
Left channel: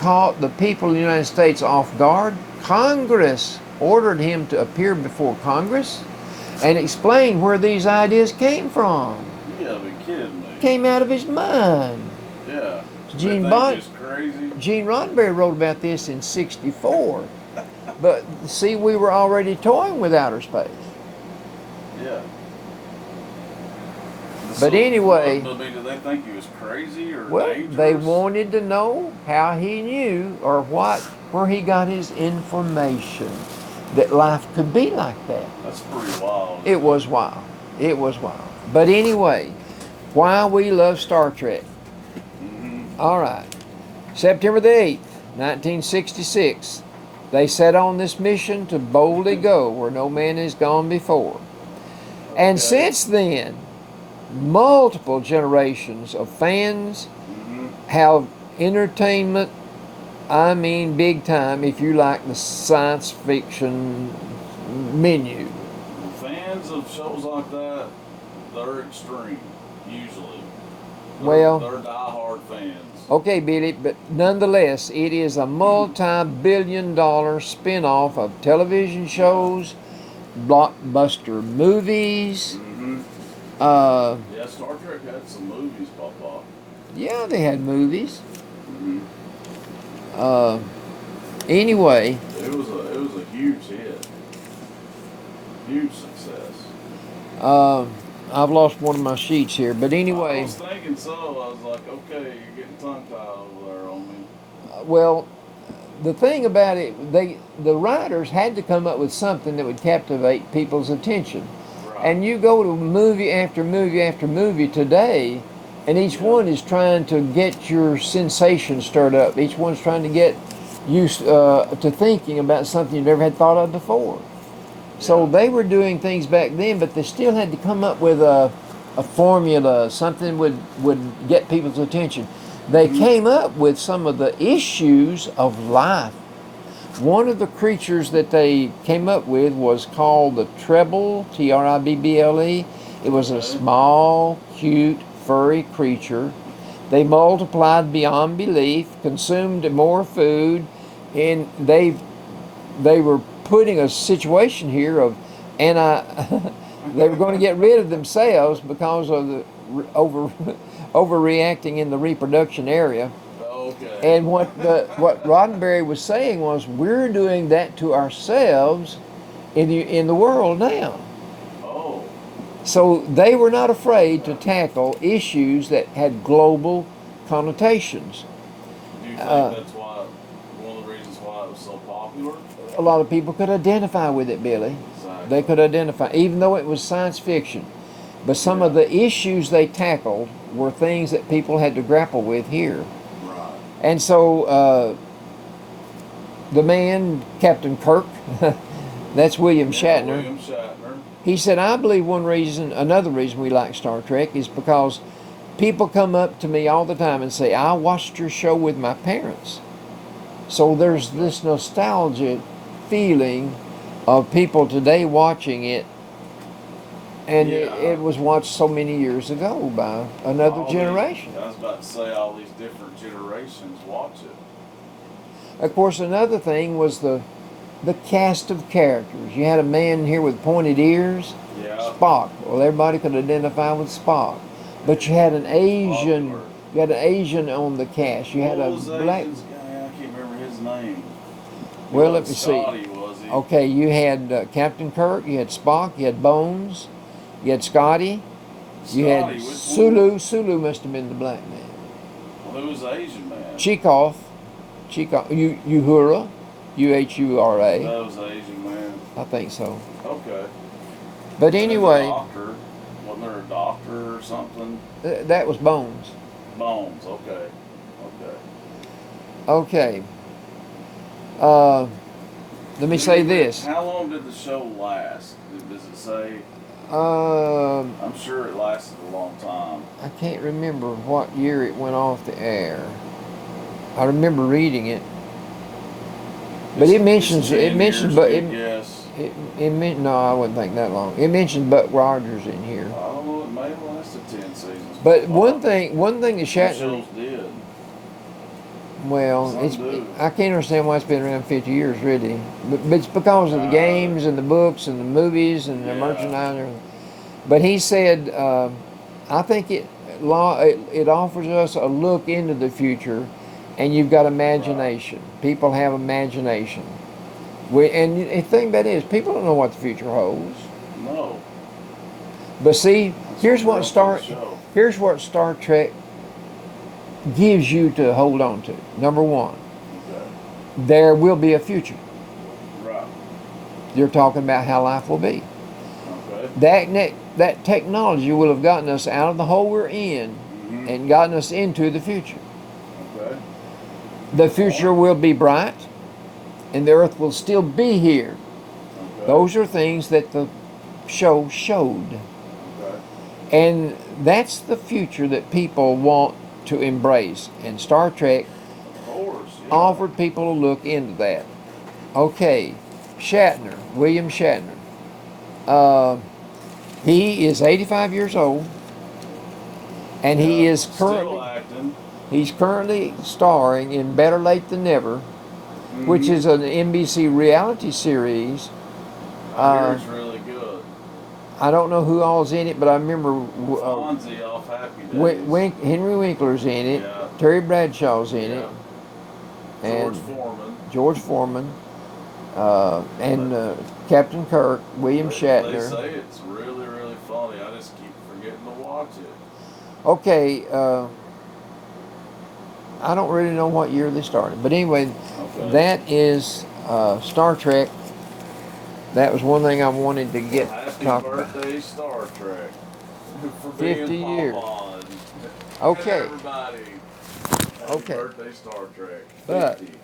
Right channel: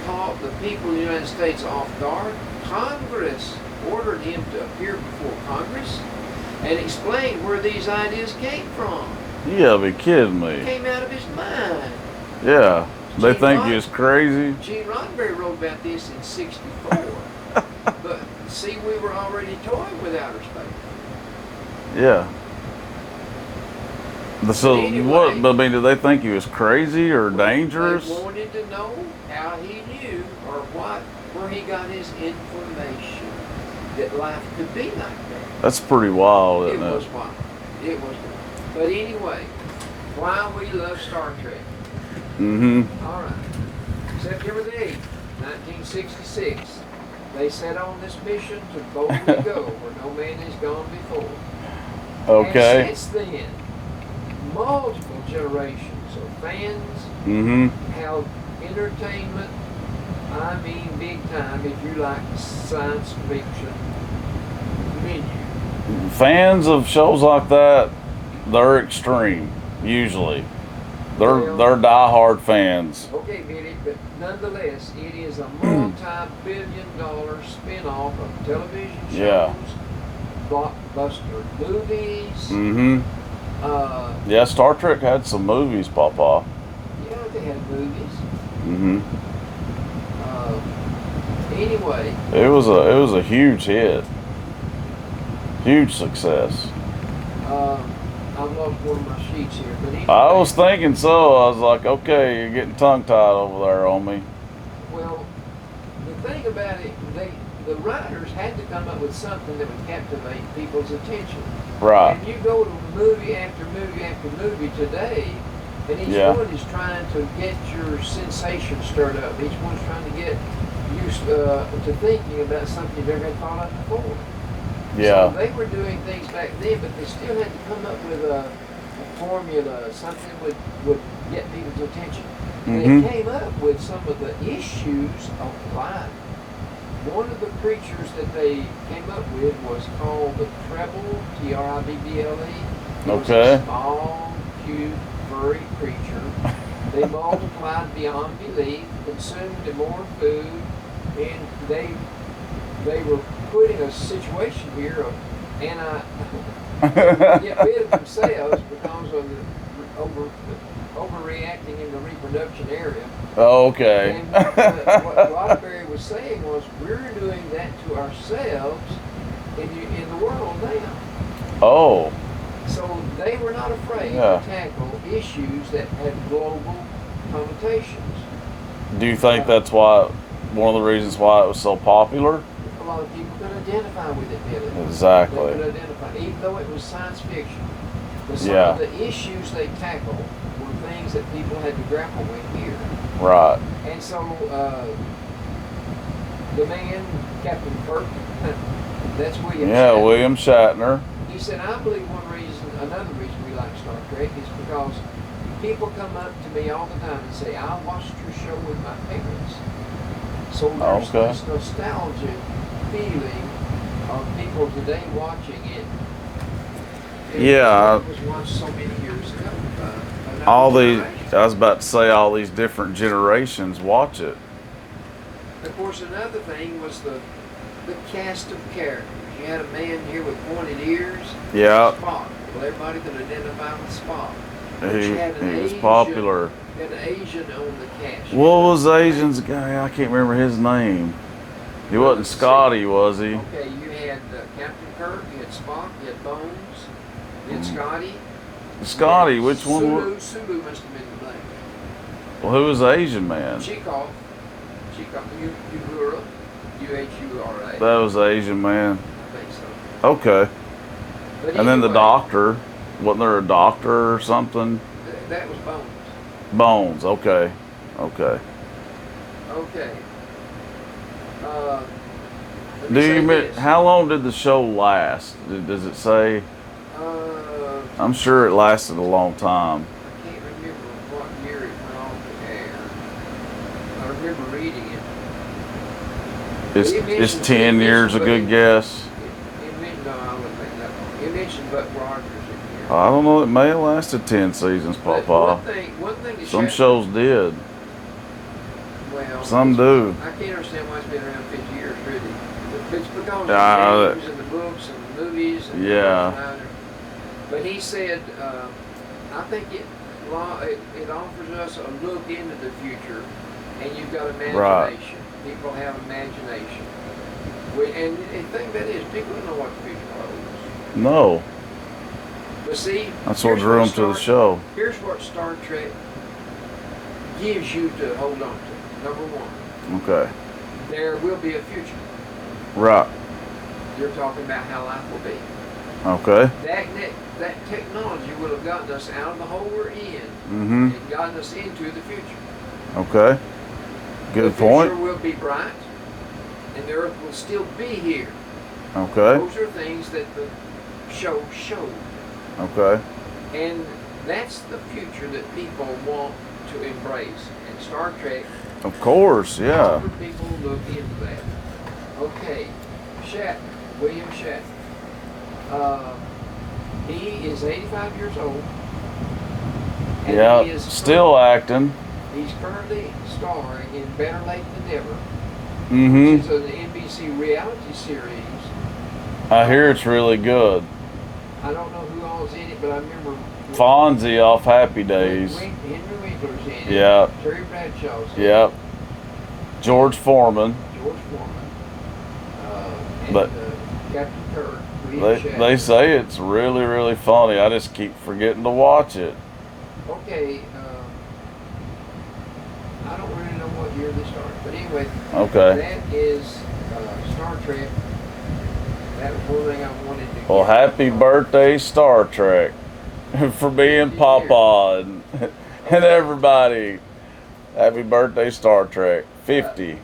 caught the people of the United States off guard. Congress ordered him to appear before Congress and explain where these ideas came from. You gotta be kidding me. Came out of his mind. Yeah. They Gene think he was crazy. Gene Roddenberry wrote about this in '64. But see, we were already toying with outer space. Yeah. But anyway, I mean, did they think he was crazy or dangerous? They wanted to know how he knew or where he got his information that life could be like that. That's pretty wild. It was wild. It was wild. But anyway, why we love Star Trek. Mm-hmm. All right. September the 8th, 1966. They set on this mission to boldly go where no man has gone before. Okay. And since then, multiple generations of fans have entertainment, I mean big time, if you like the science fiction menu. Fans of shows like that, they're extreme, usually. They're diehard fans. Okay, Billy, but nonetheless, it is a multi-billion-dollar spin-off of television shows, blockbuster movies. Mm-hmm. Yeah, Star Trek had some movies, Papa. Yeah, they had movies. Mm-hmm. Anyway, it was a huge hit, huge success. I've lost one of my sheets here, but anyway. I was thinking so. I was like, okay, you're getting tongue-tied over there on me. Well, the thing about it, the writers had to come up with something that would captivate people's attention. Right. And you go to movie after movie after movie today, and each one is trying to get your sensation stirred up. Each one's trying to get you to thinking about something you never had thought of before. Yeah. So they were doing things back then, but they still had to come up with a formula, something would get people's attention. They came up with some of the issues of life. One of the creatures that they came up with was called the Tribble, Tribble. It was a small, cute, furry creature. They multiplied beyond belief, consumed more food, and they were putting a situation here of they were going to get rid of themselves because of the overreacting in the reproduction area. Okay. And what Roddenberry was saying was, we're doing that to ourselves in the world now. Oh. So they were not afraid to tackle issues that had global connotations. Do you think that's one of the reasons why it was so popular? A lot of people could identify with it, Billy. Exactly. They could identify, even though it was science fiction. But some of the issues they tackled were things that people had to grapple with here. Right. And so the man, Captain Kirk, that's William Shatner. Yeah, William Shatner. He said, I believe another reason we like Star Trek is because people come up to me all the time and say, I watched your show with my parents. So there's this nostalgia feeling of people today watching it, and it was watched so many years ago by another generation. I was about to say all these different generations watch it. Of course, another thing was the cast of characters. You had a man here with pointed ears. Yeah. Spock. Well, everybody could identify with Spock. But you had an Asian. Popular. You had an Asian on the cast. What was the Asian's guy? I can't remember his name. He wasn't Scotty, was he? Okay, you had Captain Kirk, you had Spock, you had Bones, you had Scotty. Scotty, which one? Sulu must have been the black man. Well, who was the Asian man? Uhura, Uhura. That was the Asian man. I think so. Okay. But anyway. And then the doctor. Wasn't there a doctor or something? That was Bones. Bones. Okay. Okay. Okay. Let me say this. How long did the show last? Does it say? Uh, I'm sure it lasted a long time. I can't remember what year it went off the air. I remember reading it. But It's, it mentions it's 10 years, a good it, guess. no, I wouldn't think that long. It mentioned Buck Rogers in here. I don't know. It may have lasted 10 seasons. But Papa. one thing that Some shows did. Well, some do. I can't understand why it's been around 50 years, really. But it's because of the games and the books and the movies and the merchandise. But he said, I think it offers us a look into the future, and you've got imagination. Right. People have imagination. And the thing about it is, people don't know what the future holds. No. But see, here's what Star Trek gives you to hold on to. Number one. Okay. There will be a future. Right. You're talking about how life will be. Okay. That technology will have gotten us out of the hole we're in and gotten us into the future. Okay. The future will be bright, and the Earth will still be here. Okay. Those are things that the show showed. Okay. And that's the future that people want to embrace. And Star Trek, of course, offered people a look into that. Okay, William Shatner. He is 85 years old, and he is still acting. He's currently starring in Better Late Than Never, which is an NBC reality series. I hear it's really good. I don't know who all's in it, but I remember Fonzie off Happy Days. Henry Winkler's in it. Yeah. Terry Bradshaw's in it. George Foreman. And Captain Kirk, William Shatner. They say it's really, really funny. I just keep forgetting to watch it. Okay. I don't really know what year they started, but anyway. Okay. That is Star Trek. That was one thing I wanted to get. Well, happy birthday, Star Trek, for being Papa and everybody. Happy birthday, Star Trek. 50.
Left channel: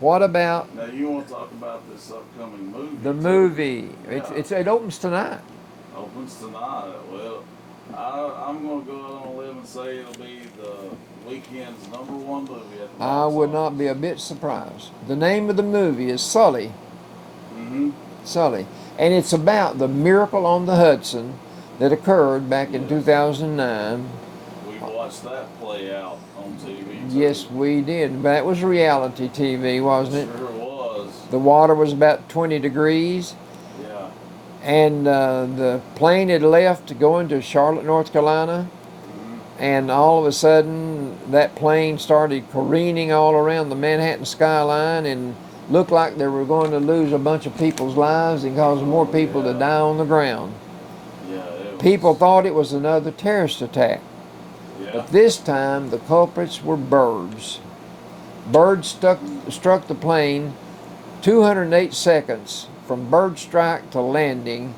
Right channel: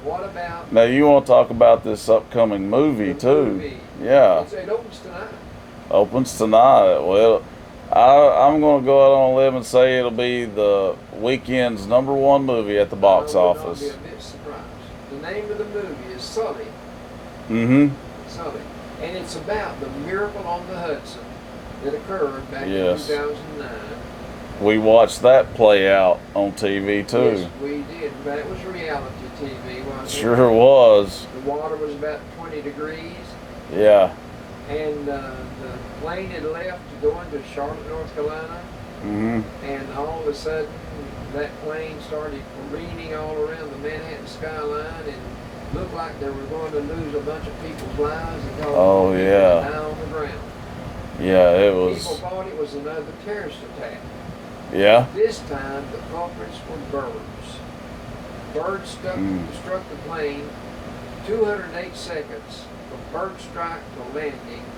What about? Now you want to talk about this upcoming movie too? The movie. Yeah. It opens tonight. Opens tonight. Well, I'm going to go out on a limb and say it'll be the weekend's #1 movie at the box office. I would not be a bit surprised. The name of the movie is Sully. Sully. And it's about the miracle on the Hudson that occurred back in 2009. We watched that play out on TV too. Yes, we did. That was reality TV, wasn't it? Sure was. The water was about 20 degrees. Yeah. And the plane had left to go into Charlotte, North Carolina. And all of a sudden, that plane started careening all around the Manhattan skyline and looked like they were going to lose a bunch of people's lives and cause more people to die on the ground. Yeah, it was. People thought it was another terrorist attack. Yeah. This time, the culprits were birds. Birds struck the plane 208 seconds from bird strike to landing.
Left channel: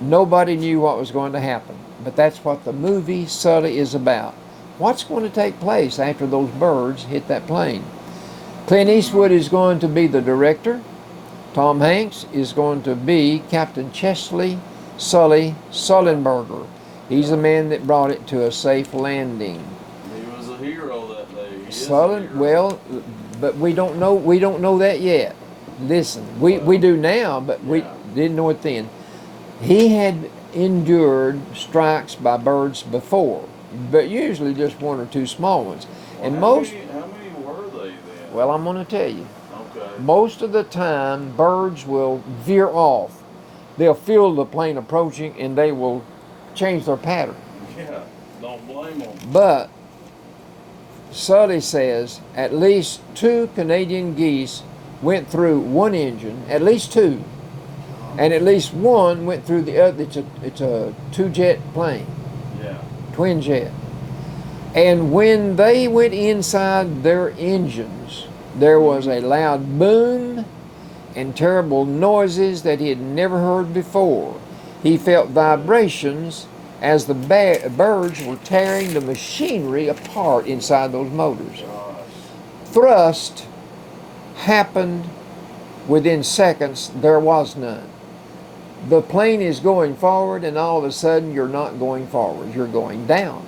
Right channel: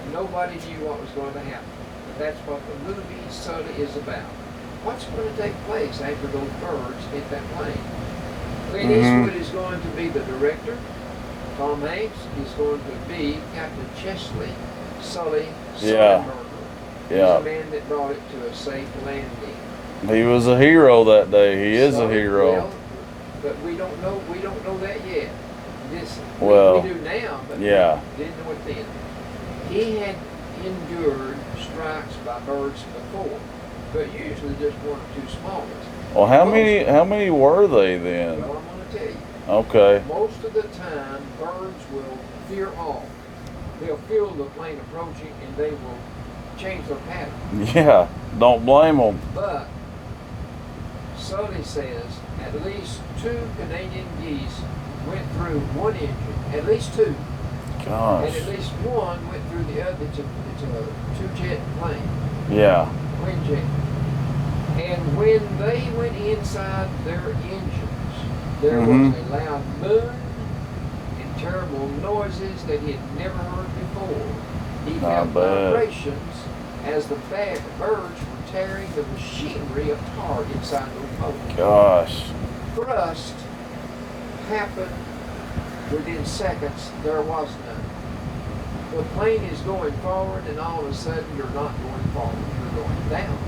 Nobody knew what was going to happen. But that's what the movie Sully is about. What's going to take place after those birds hit that plane? Clint Eastwood is going to be the director. Tom Hanks is going to be Captain Chesley Sullenberger. He's the man that brought it to a safe landing. He was a hero that day. He is a hero. Well, but we don't know that yet. Listen, we do now, but we didn't know it then. He had endured strikes by birds before, but usually just one or two small ones. Well, how many were they then? Well, I'm going to tell you. Okay. Most of the time, birds will veer off. They'll feel the plane approaching, and they will change their pattern. Yeah, don't blame them. But Sully says at least 2 Canadian geese went through one engine, at least 2. Gosh. And at least one went through the other. It's a 2-jet plane. Yeah. Twin jet. And when they went inside their engines, there was a loud boom and terrible noises that he had never heard before. He felt vibrations as the birds were tearing the machinery apart inside those motors. Gosh. Thrust happened within seconds. There was none. The plane is going forward, and all of a sudden you're not going forward, you're going down.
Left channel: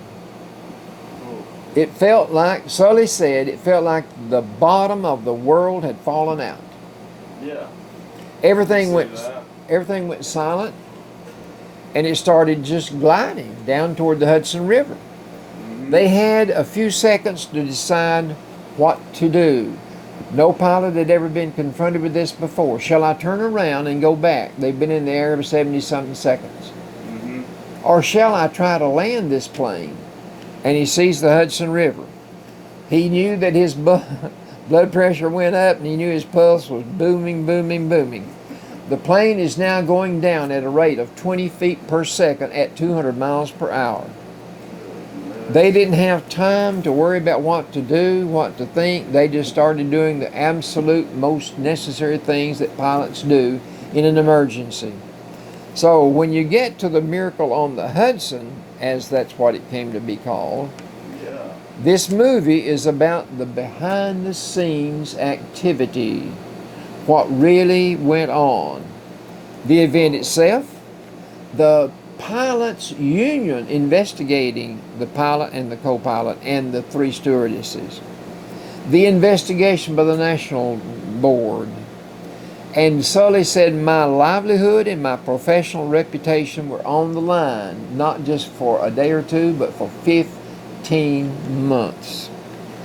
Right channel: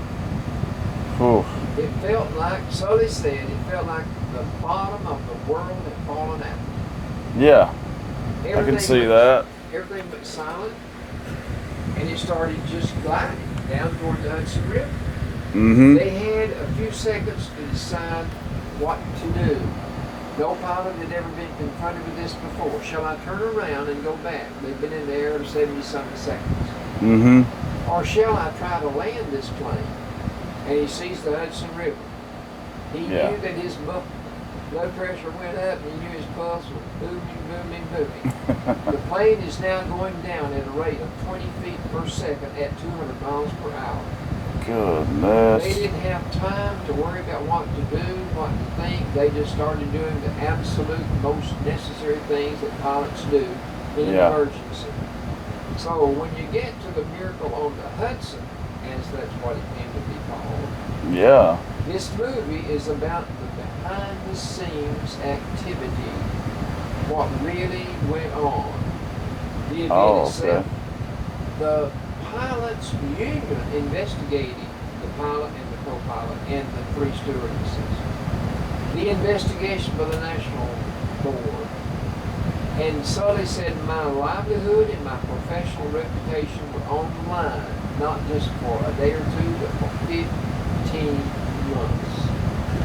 Oof. It felt like, Sully said, it felt like the bottom of the world had fallen out. Yeah. Everything I can see that. Everything went silent, and it started just gliding down toward the Hudson River. Mm-hmm. They had a few seconds to decide what to do. No pilot had ever been confronted with this before. Shall I turn around and go back? They've been in the air for 70-something seconds. Mm-hmm. Or shall I try to land this plane? And he sees the Hudson River. He knew that his blood pressure went up, and he knew his pulse was booming, booming, booming. The plane is now going down at a rate of 20 feet per second at 200 miles per hour. Goodness. They didn't have time to worry about what to do, what to think. They just started doing the absolute most necessary things that pilots do in an emergency. So when you get to the Miracle on the Hudson, as that's what it came to be called, this movie is about the behind-the-scenes activity, what really went on. The event itself, the pilots' union investigating the pilot and the co-pilot and the 3 stewardesses, the investigation by the National Board. And Sully said, my livelihood and my professional reputation were on the line, not just for a day or two, but for 15 months.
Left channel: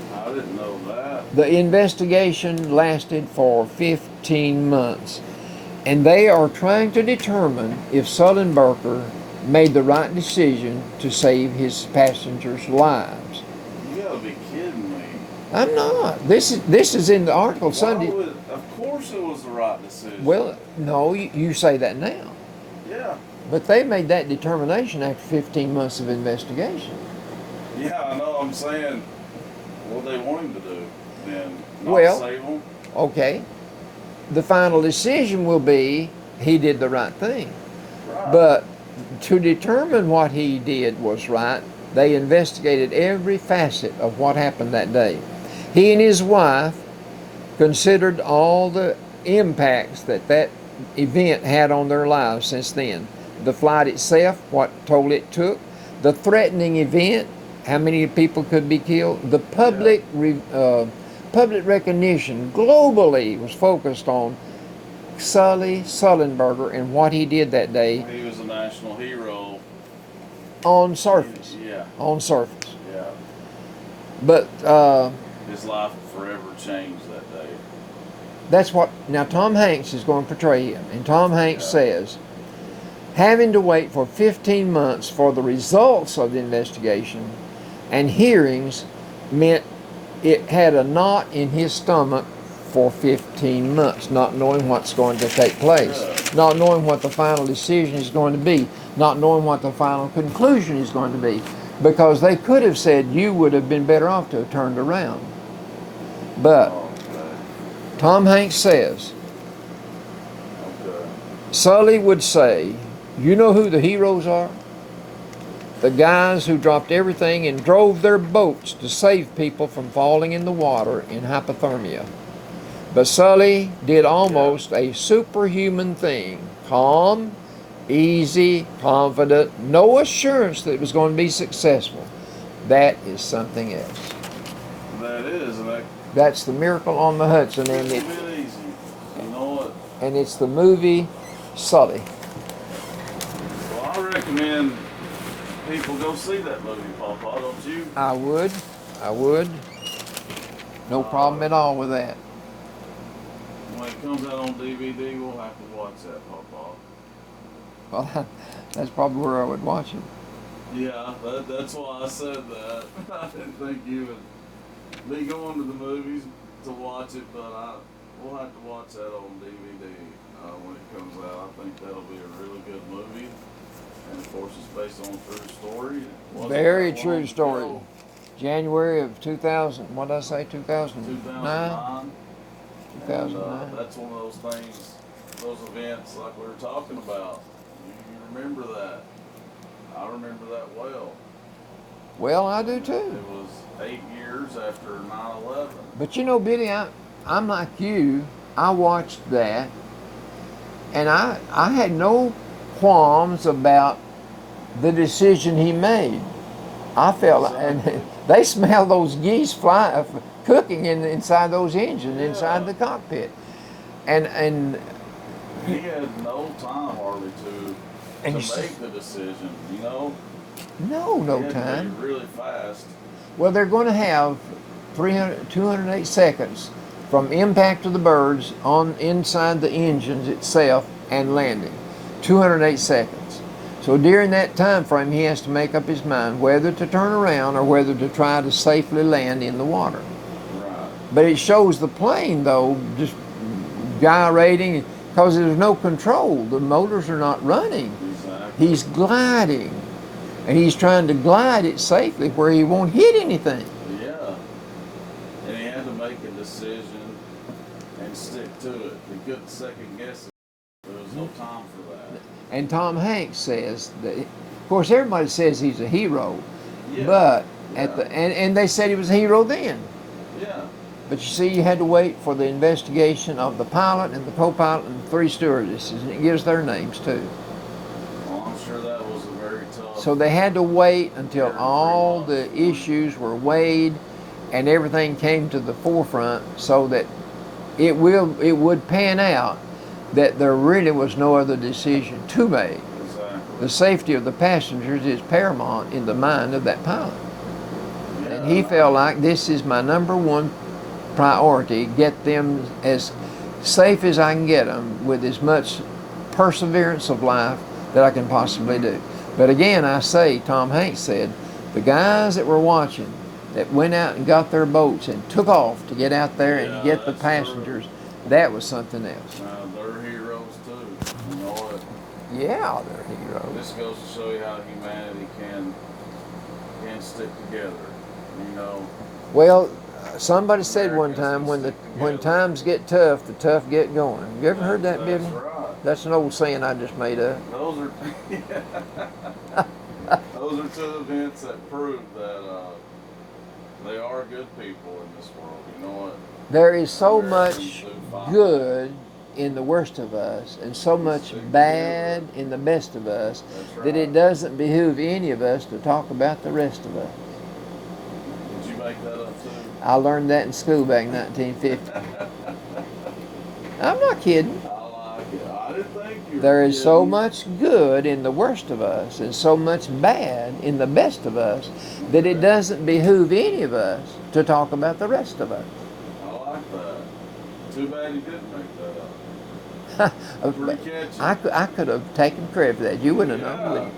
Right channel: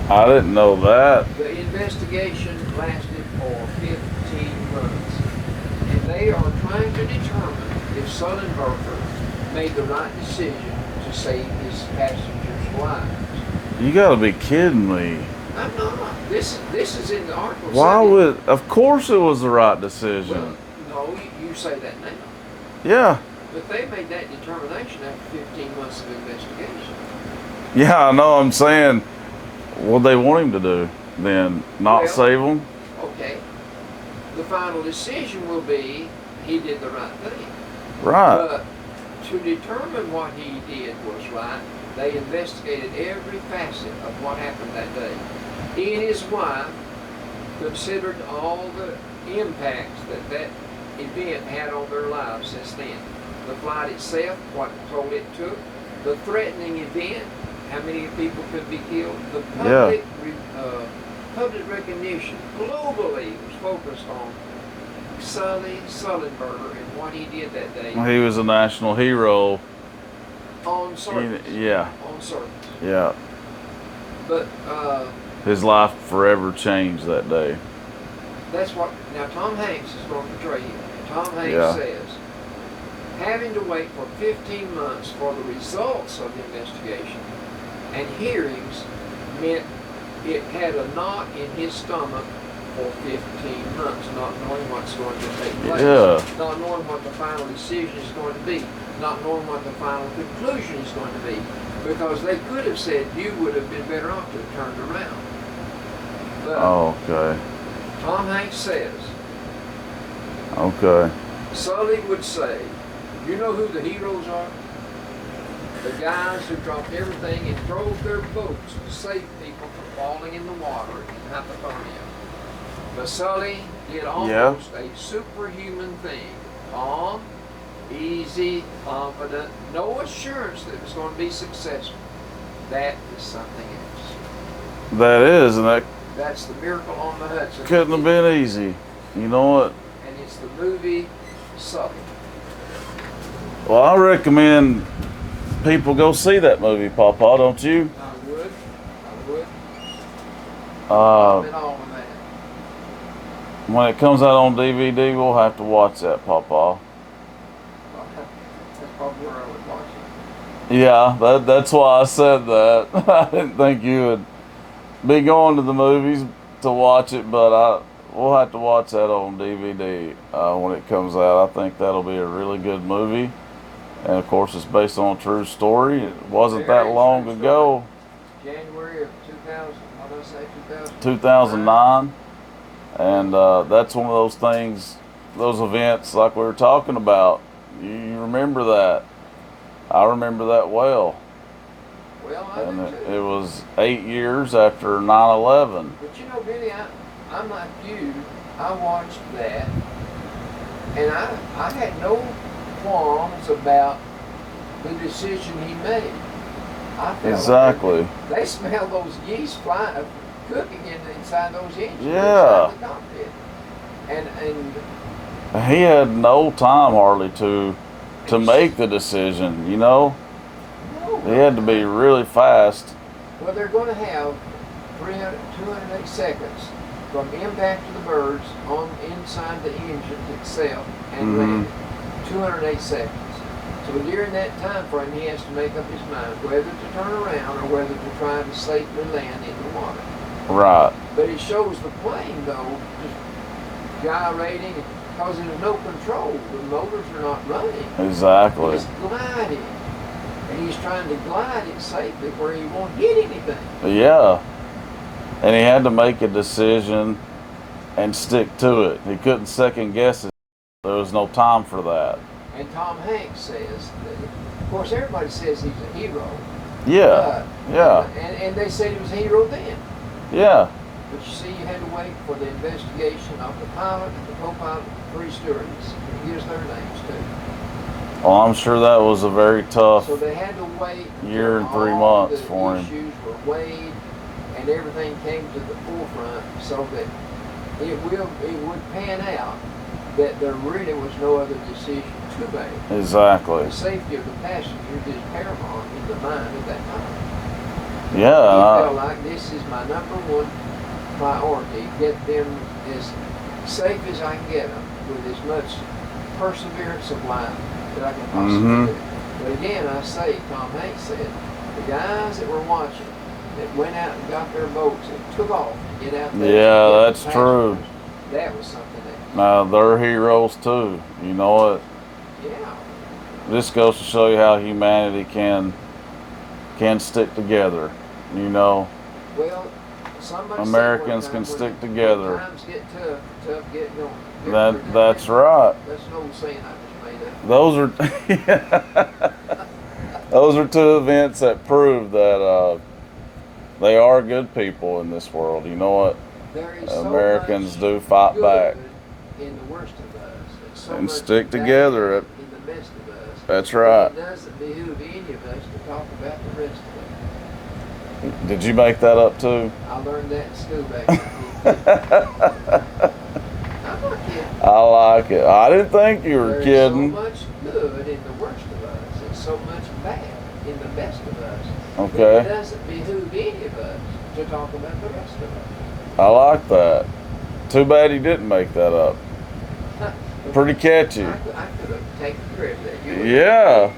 I didn't know that. The investigation lasted for 15 months. And they are trying to determine if Sullenberger made the right decision to save his passengers' lives. You gotta be kidding me. I'm not. This is in the article. Why would? Of course, it was the right decision. Well, no, you say that now. Yeah. But they made that determination after 15 months of investigation. Yeah, I know. I'm saying, what they want him to do then? Not save them? Okay. The final decision will be he did the right thing. Right. But to determine what he did was right, they investigated every facet of what happened that day. He and his wife considered all the impacts that event had on their lives since then. The flight itself, what toll it took, the threatening event, how many people could be killed, the public public recognition globally was focused on Sully Sullenberger and what he did that day. He was a national hero. On surface. Yeah. On surface. Yeah. But his life forever changed that day. That's what, now Tom Hanks is going to portray him. And Tom Hanks says, having to wait for 15 months for the results of the investigation and hearings meant it had a knot in his stomach for 15 months, not knowing what's going to take place, not knowing what the final decision is going to be, not knowing what the final conclusion is going to be, because they could have said you would have been better off to have turned around. But Tom Hanks says, Sully would say, you know who the heroes are? The guys who dropped everything and drove their boats to save people from falling in the water in hypothermia. But Sully did almost a superhuman thing. Calm, easy, confident, no assurance that it was going to be successful. That is something else. That is, and that's the Miracle on the Hudson. Couldn't have been easy. You know what? And it's the movie Sully. Well, I recommend people go see that movie, Pawpaw, don't you? I would. No problem at all with that. When it comes out on DVD, we'll have to watch that, Pawpaw. Well, that's probably where I would watch it. Yeah, that's why I said that. I didn't think you would be going to the movies to watch it, but we'll have to watch that on DVD when it comes out. I think that'll be a really good movie. And of course, it's based on a true story. It wasn't Very that long true ago. January of 2000. What did I say? 2009. And that's one of those things, those events like we were talking about. You remember that. I remember that well. Well, I do And too. It was 8 years after 9/11. But you know, Billy, I'm like you. I watched that, and I had no qualms about the decision he made. I felt Exactly. like they smell those geese cooking inside those engines, Yeah. inside the cockpit, and He had no time hardly to And make the decision, you know? no, He had to be time. really fast. Well, they're going to have 208 seconds from impact of the birds on inside the engines itself and landing. 208 seconds. So during that time frame, he has to make up his mind whether to turn around or whether to try to safely land in the water. Right. But it shows the plane, though, just gyrating because there's no control. The motors are not running. Exactly. He's gliding. And he's trying to glide it safely where he won't hit anything. Yeah. And he had to make a decision and stick to it. He couldn't second guess it. There was no time for that. And Tom Hanks says, that, of course, everybody says he's a hero. Yeah. But, Yeah. and they said he was a hero then. Yeah. But you see, you had to wait for the investigation of the pilot and the co-pilot and the 3 stewardesses. And it gives their names too. Well, I'm sure that was a very tough. So they had to wait Year until and 3 all months the for him. issues were weighed and everything came to the forefront, so that it would pan out that there really was no other decision to make. Exactly. The safety of the passengers is paramount in the mind of that pilot. Yeah. He felt like this is my number one priority, get them as safe as I can get them with as much perseverance of life that I can possibly do. But again, I say, Tom Hanks said, the guys that were watching that went out and got their boats and took off to get out there Yeah, and get that's the passengers, that was something else. They're heroes too. You know what? Yeah, they're heroes. This goes to show you how humanity can stick together. You know. Well, somebody said one Americans time can when stick together. times get tough, the tough get going. You ever heard that? That's Jimmy? right. That's an old saying I just made up. Those are those are 2 events that prove that they are good people in this world. You know what? There is so Americans much do fight good in the worst of us, and so And much stick bad together. in the best of us. That's That right. it doesn't behoove any of us to talk about the rest of us. Did you make that up too? I learned that in school back in 1950. I'm not kidding. I like it. I didn't think you were There kidding. is so much good in the worst of us, and so much bad in the best of us, that Okay. it doesn't behoove any of us to talk about the rest of us. I like that. Too bad you didn't make that up. Pretty catchy. I could have taken credit for that. You would have. Yeah.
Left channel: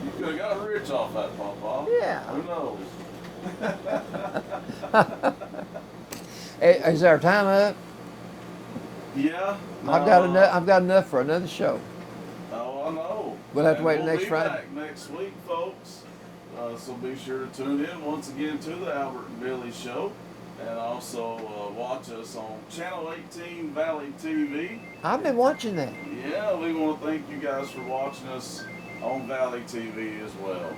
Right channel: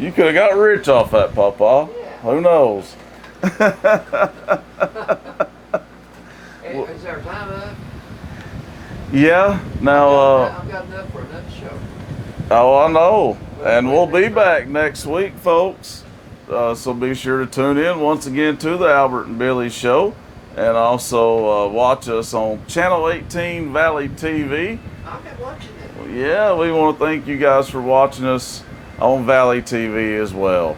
You could have got rich off that, Papa. Yeah. Who knows? Is our time up? Yeah. Now. I've got enough for another show. Oh, I know. We'll have to And wait we'll next be Friday. back next week, folks. So be sure to tune in once again to the Albert and Billy Show. And also watch us on Channel 18 Valley TV. I've been watching that. Yeah, we want to thank you guys for watching us on Valley TV as well.